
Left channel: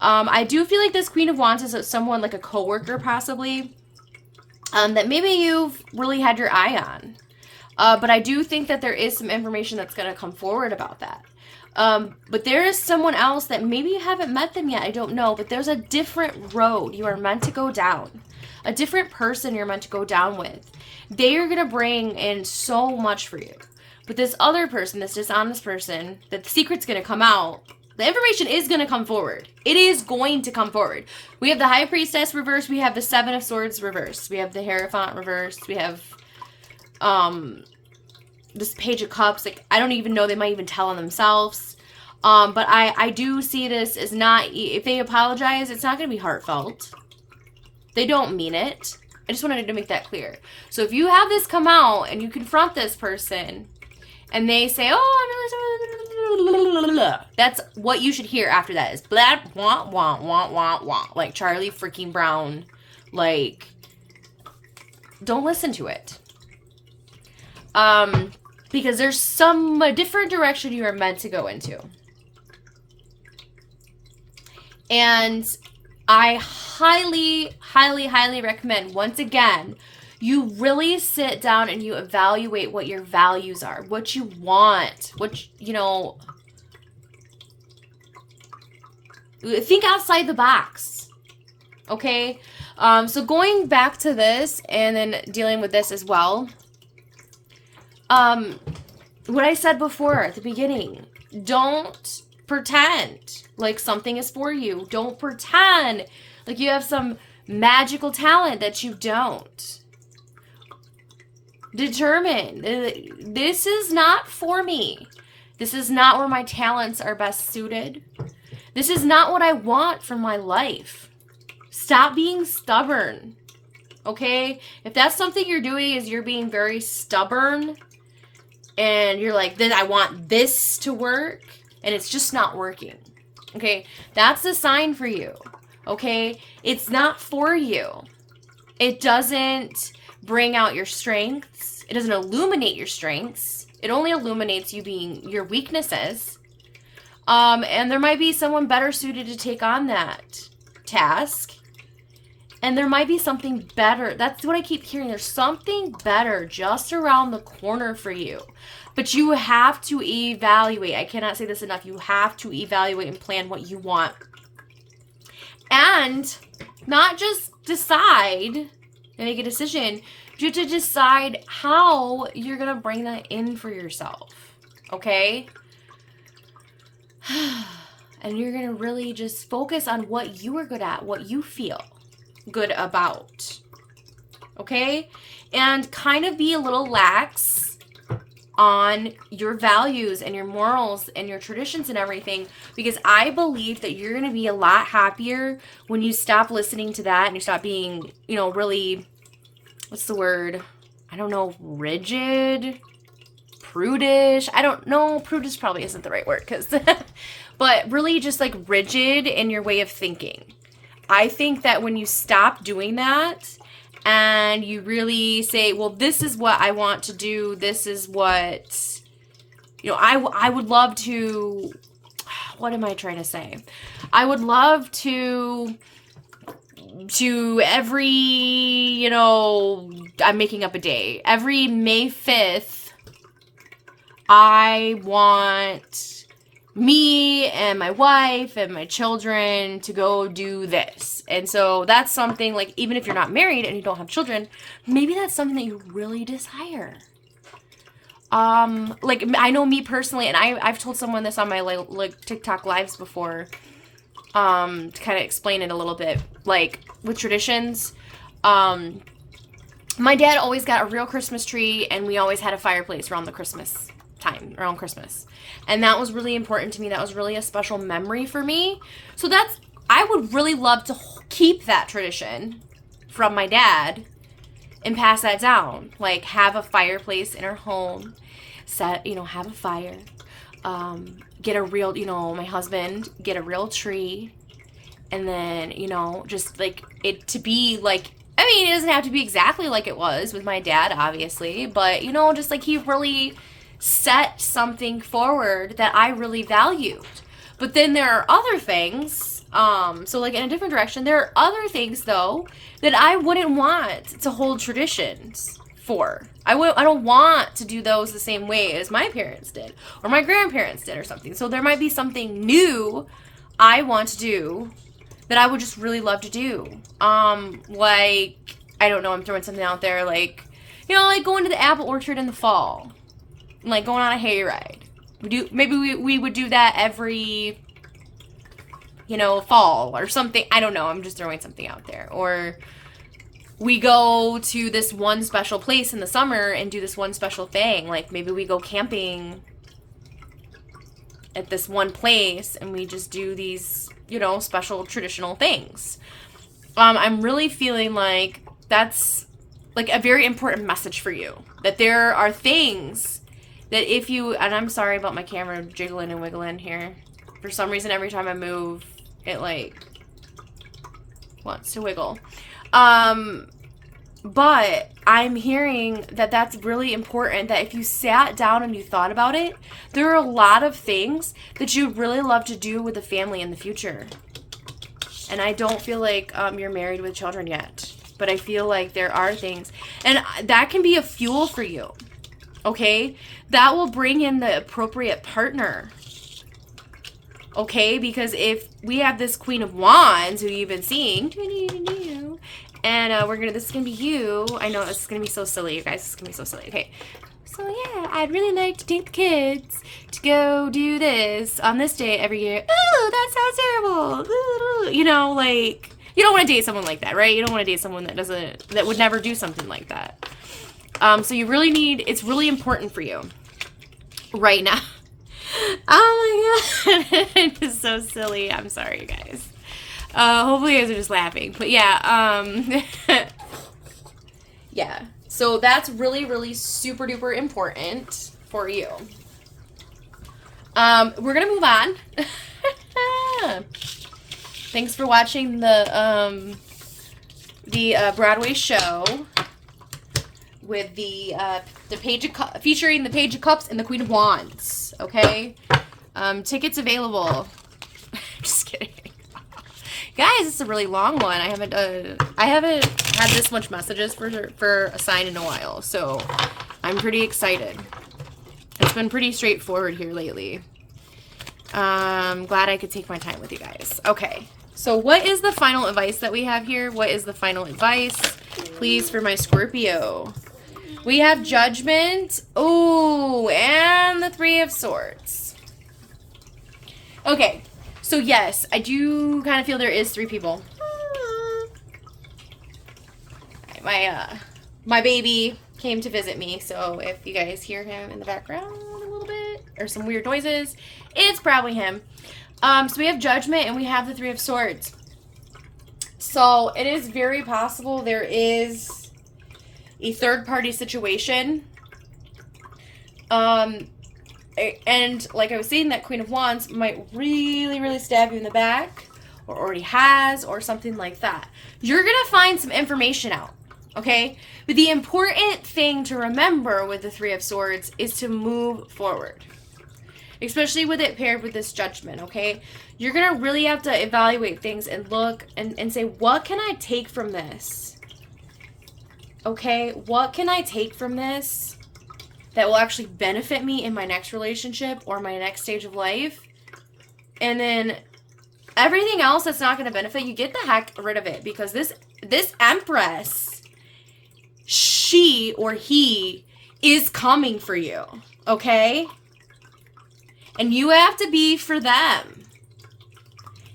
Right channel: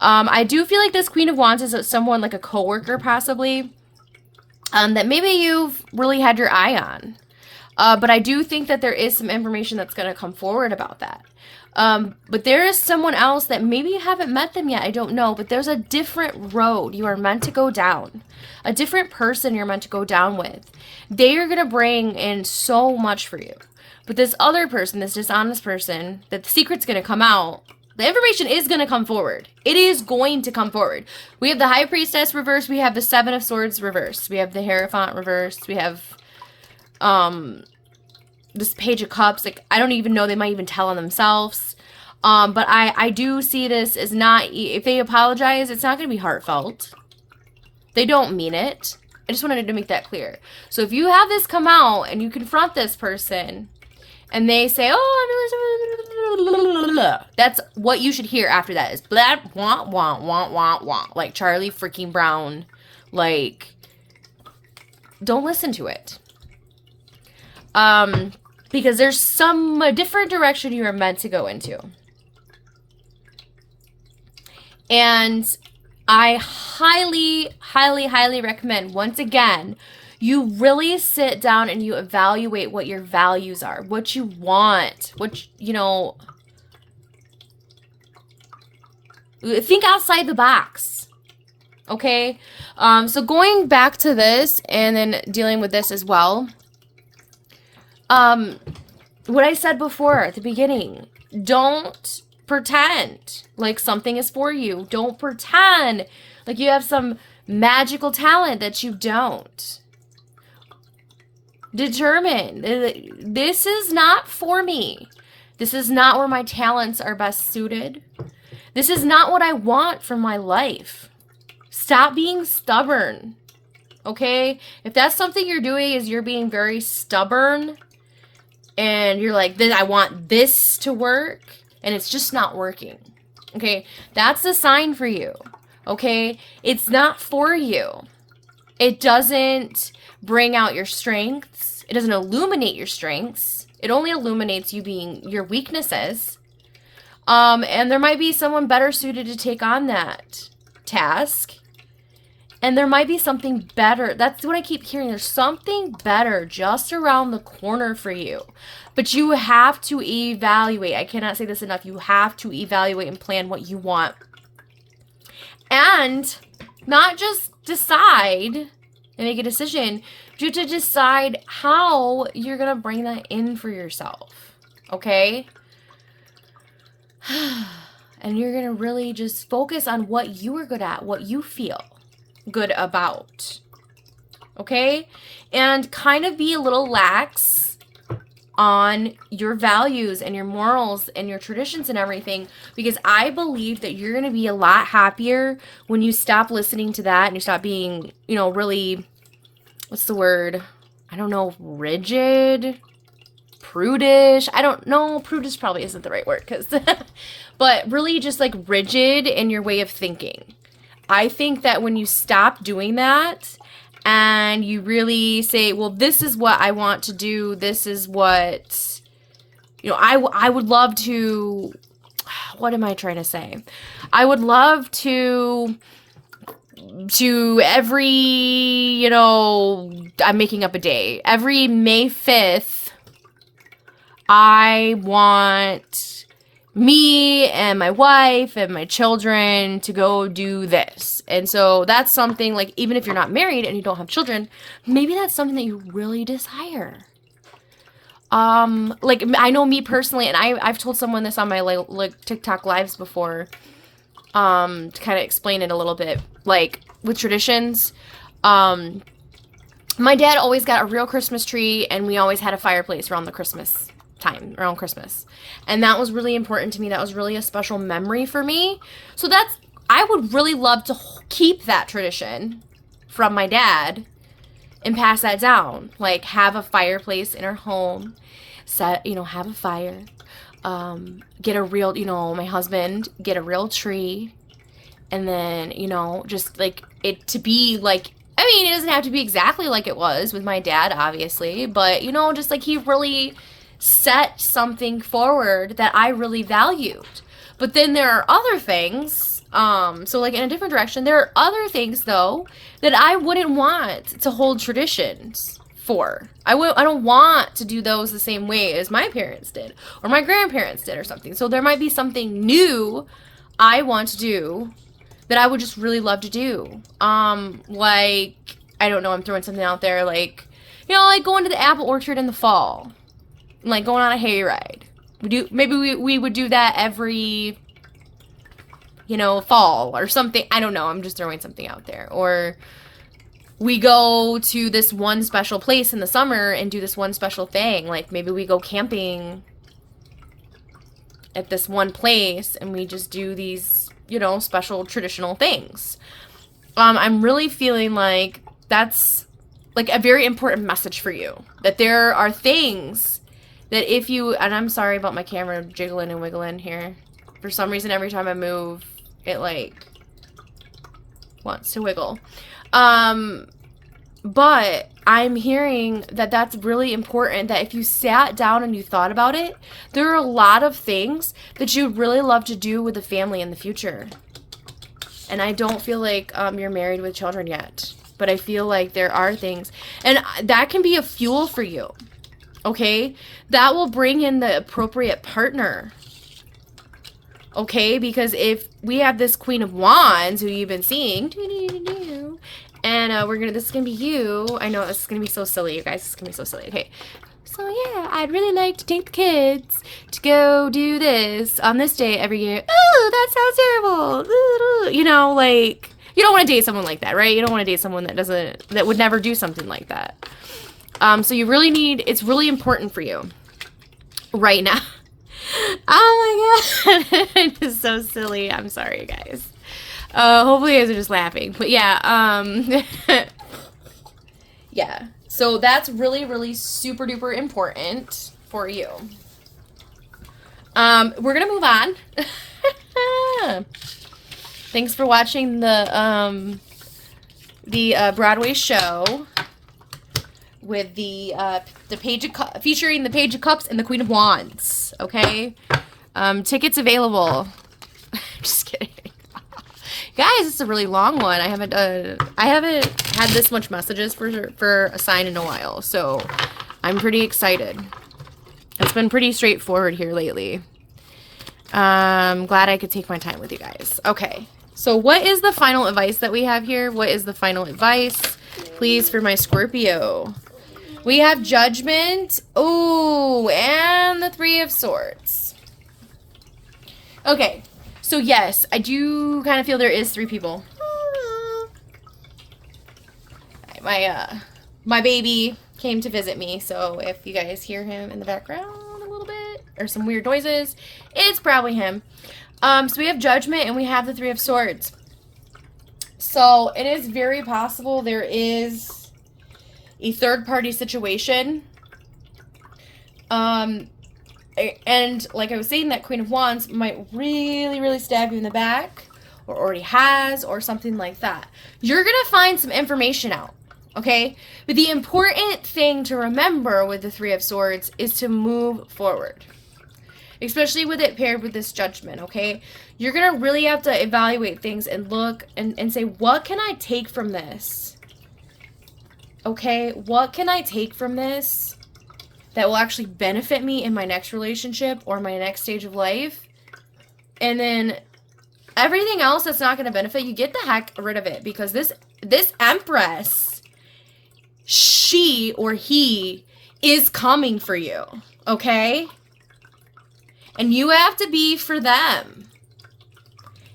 I do feel like this Queen of Wands is someone like a coworker, possibly, that maybe you've really had your eye on. But I do think that there is some information that's going to come forward about that. But there is someone else that maybe you haven't met them yet. I don't know. But there's a different road you are meant to go down. A different person you're meant to go down with. They are going to bring in so much for you. But this other person, this dishonest person, that the secret's going to come out. The information is going to come forward. It is going to come forward. We have the High Priestess reversed. We have the Seven of Swords reversed. We have the Hierophant reversed. We have, this Page of Cups. Like, I don't even know. They might even tell on themselves. But I do see this as not, if they apologize, it's not going to be heartfelt. They don't mean it. I just wanted to make that clear. So if you have this come out and you confront this person and they say, oh, that's what you should hear after that is blah, wah, wah, wah, wah, wah. Like Charlie freaking Brown. Like, don't listen to it. Because there's a different direction you are meant to go into. And I highly, highly, highly recommend, once again, you really sit down and you evaluate what your values are, what you want, think outside the box. Okay? So going back to this and then dealing with this as well. What I said before at the beginning, don't pretend like something is for you. Don't pretend like you have some magical talent that you don't. Determine, this is not for me. This is not where my talents are best suited. This is not what I want for my life. Stop being stubborn. Okay? If that's something you're doing, is you're being very stubborn and you're like, I want this to work, and it's just not working. Okay? That's a sign for you. Okay? It's not for you. It doesn't bring out your strengths. It doesn't illuminate your strengths. It only illuminates you being your weaknesses. And there might be someone better suited to take on that task. And there might be something better. That's what I keep hearing. There's something better just around the corner for you. But you have to evaluate. I cannot say this enough. You have to evaluate and plan what you want. And not just decide and make a decision. You have to decide how you're going to bring that in for yourself. Okay? And you're going to really just focus on what you are good at, what you feel good about. Okay? And kind of be a little lax on your values and your morals and your traditions and everything, because I believe that you're going to be a lot happier when you stop listening to that and you stop being, really, what's the word? I don't know, rigid, prudish. I don't know. Prudish probably isn't the right word, but really just like rigid in your way of thinking. I think that when you stop doing that and you really say, well, this is what I want to do. This is what, I would love to, what am I trying to say? I would love to every, I'm making up a day. Every May 5th, I want me and my wife and my children to go do this. And so that's something, like, even if you're not married and you don't have children, maybe that's something that you really desire. Like, I know me personally, and I've told someone this on my like TikTok lives before, to kind of explain it a little bit, like with traditions. My dad always got a real Christmas tree, and we always had a fireplace around the Christmas time, around Christmas. And that was really important to me. That was really a special memory for me. So I would really love to keep that tradition from my dad and pass that down. Like, have a fireplace in our home, have a fire, get a real, my husband, get a real tree, and then, just like it to be like, I mean, it doesn't have to be exactly like it was with my dad, obviously, but, just like he really set something forward that I really valued. But then there are other things, so like in a different direction, there are other things though that I wouldn't want to hold traditions for. I don't want to do those the same way as my parents did or my grandparents did or something. So there might be something new I want to do that I would just really love to do. Like, I don't know, I'm throwing something out there, like, like going to the apple orchard in the fall, and like going on a hayride. Maybe we would do that every, fall or something. I don't know. I'm just throwing something out there. Or we go to this one special place in the summer and do this one special thing. Like, maybe we go camping at this one place and we just do these, special traditional things. I'm really feeling like that's like a very important message for you. That there are things that if you, and I'm sorry about my camera jiggling and wiggling here. For some reason, every time I move, it like wants to wiggle. But I'm hearing that that's really important, that if you sat down and you thought about it, there are a lot of things that you'd really love to do with the family in the future. And I don't feel like you're married with children yet, but I feel like there are things, and that can be a fuel for you. Okay? That will bring in the appropriate partner. Okay? Because if we have this Queen of Wands who you've been seeing, and this is gonna be you. I know this is gonna be so silly, you guys. This is gonna be so silly. Okay. So yeah, I'd really like to take the kids to go do this on this day every year. Ooh, that sounds terrible. Ooh, like, you don't want to date someone like that, right? You don't want to date someone that would never do something like that. So you really it's really important for you right now. Oh my god. It's so silly. I'm sorry, you guys. Hopefully you guys are just laughing. But yeah, yeah. So that's really, really super duper important for you. We're gonna move on. Thanks for watching the Broadway show with the Page of featuring the Page of Cups and the Queen of Wands. Okay, tickets available. Just kidding. Guys, it's a really long one. I haven't had this much messages for a sign in a while, so I'm pretty excited. It's been pretty straightforward here lately. I'm glad I could take my time with you guys. Okay, so what is the final advice that we have here? What is the final advice, please, for my Scorpio? We have Judgment. Oh, and the Three of Swords. Okay. So yes, I do kind of feel there is 3 people. My baby came to visit me, so if you guys hear him in the background a little bit, or some weird noises, it's probably him. So we have Judgment and we have the Three of Swords. So it is very possible there is a third-party situation And like I was saying, that Queen of Wands might really, really stab you in the back, or already has, or something like that. You're going to find some information out, okay? But the important thing to remember with the Three of Swords is to move forward, especially with it paired with this Judgment, okay? You're going to really have to evaluate things and look and say, what can I take from this? Okay, what can I take from this that will actually benefit me in my next relationship or my next stage of life? And then everything else that's not going to benefit you, get the heck rid of it, because this Empress, she or he is coming for you, okay? And you have to be for them.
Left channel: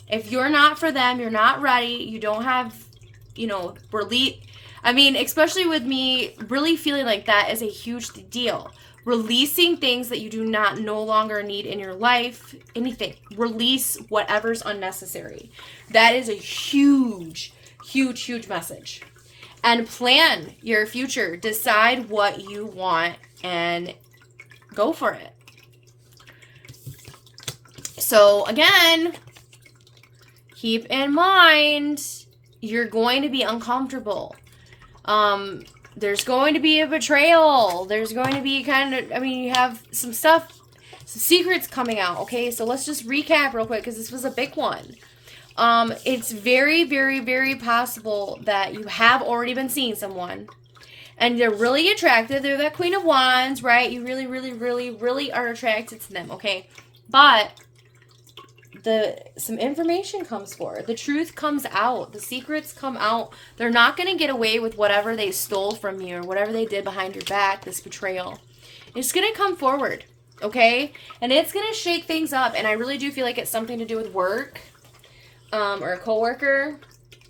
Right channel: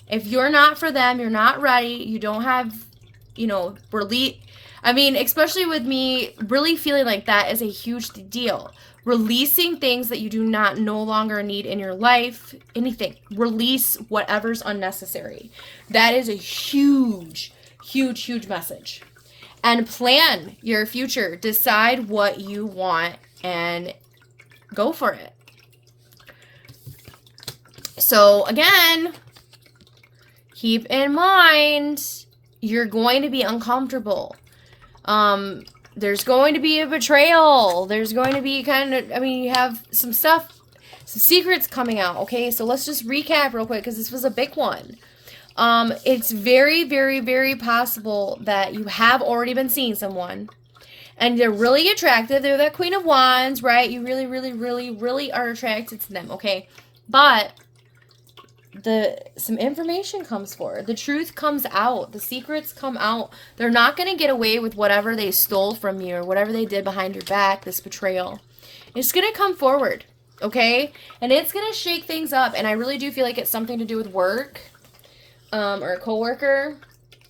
If you're not for them, you're not ready, you don't have, especially with me, really feeling like that is a huge deal. Releasing things that you do not no longer need in your life, anything. Release whatever's unnecessary. That is a huge, huge, huge message. And plan your future. Decide what you want and go for it. So again, keep in mind, you're going to be uncomfortable. There's going to be a betrayal. There's going to be you have some stuff, some secrets coming out, okay? So let's just recap real quick, because this was a big one. It's very, very, very possible that you have already been seeing someone, and they're really attractive. They're that Queen of Wands, right? You really, really, really, really are attracted to them, okay? But some information comes forward. The truth comes out. The secrets come out. They're not going to get away with whatever they stole from you or whatever they did behind your back, this betrayal. It's going to come forward, okay? And it's going to shake things up. And I really do feel like it's something to do with work, or a coworker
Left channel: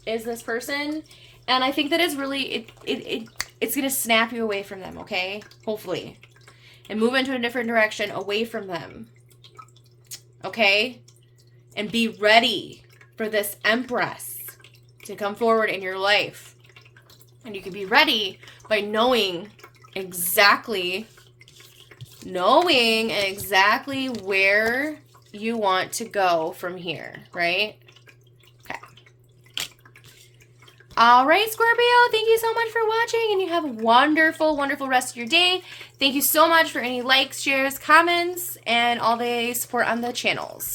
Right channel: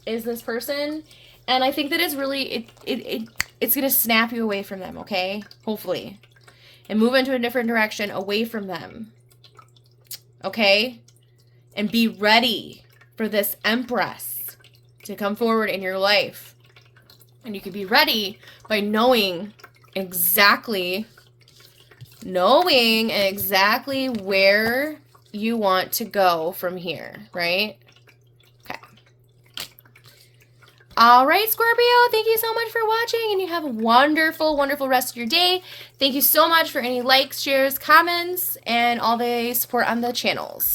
is this person. And I think that it's really, it's going to snap you away from them, okay? Hopefully. And move into a different direction away from them. Okay? And be ready for this Empress to come forward in your life. And you can be ready by knowing exactly where you want to go from here, right? Okay. All right, Scorpio, thank you so much for watching, and you have a wonderful, wonderful rest of your day. Thank you so much for any likes, shares, comments, and all the support on the channels.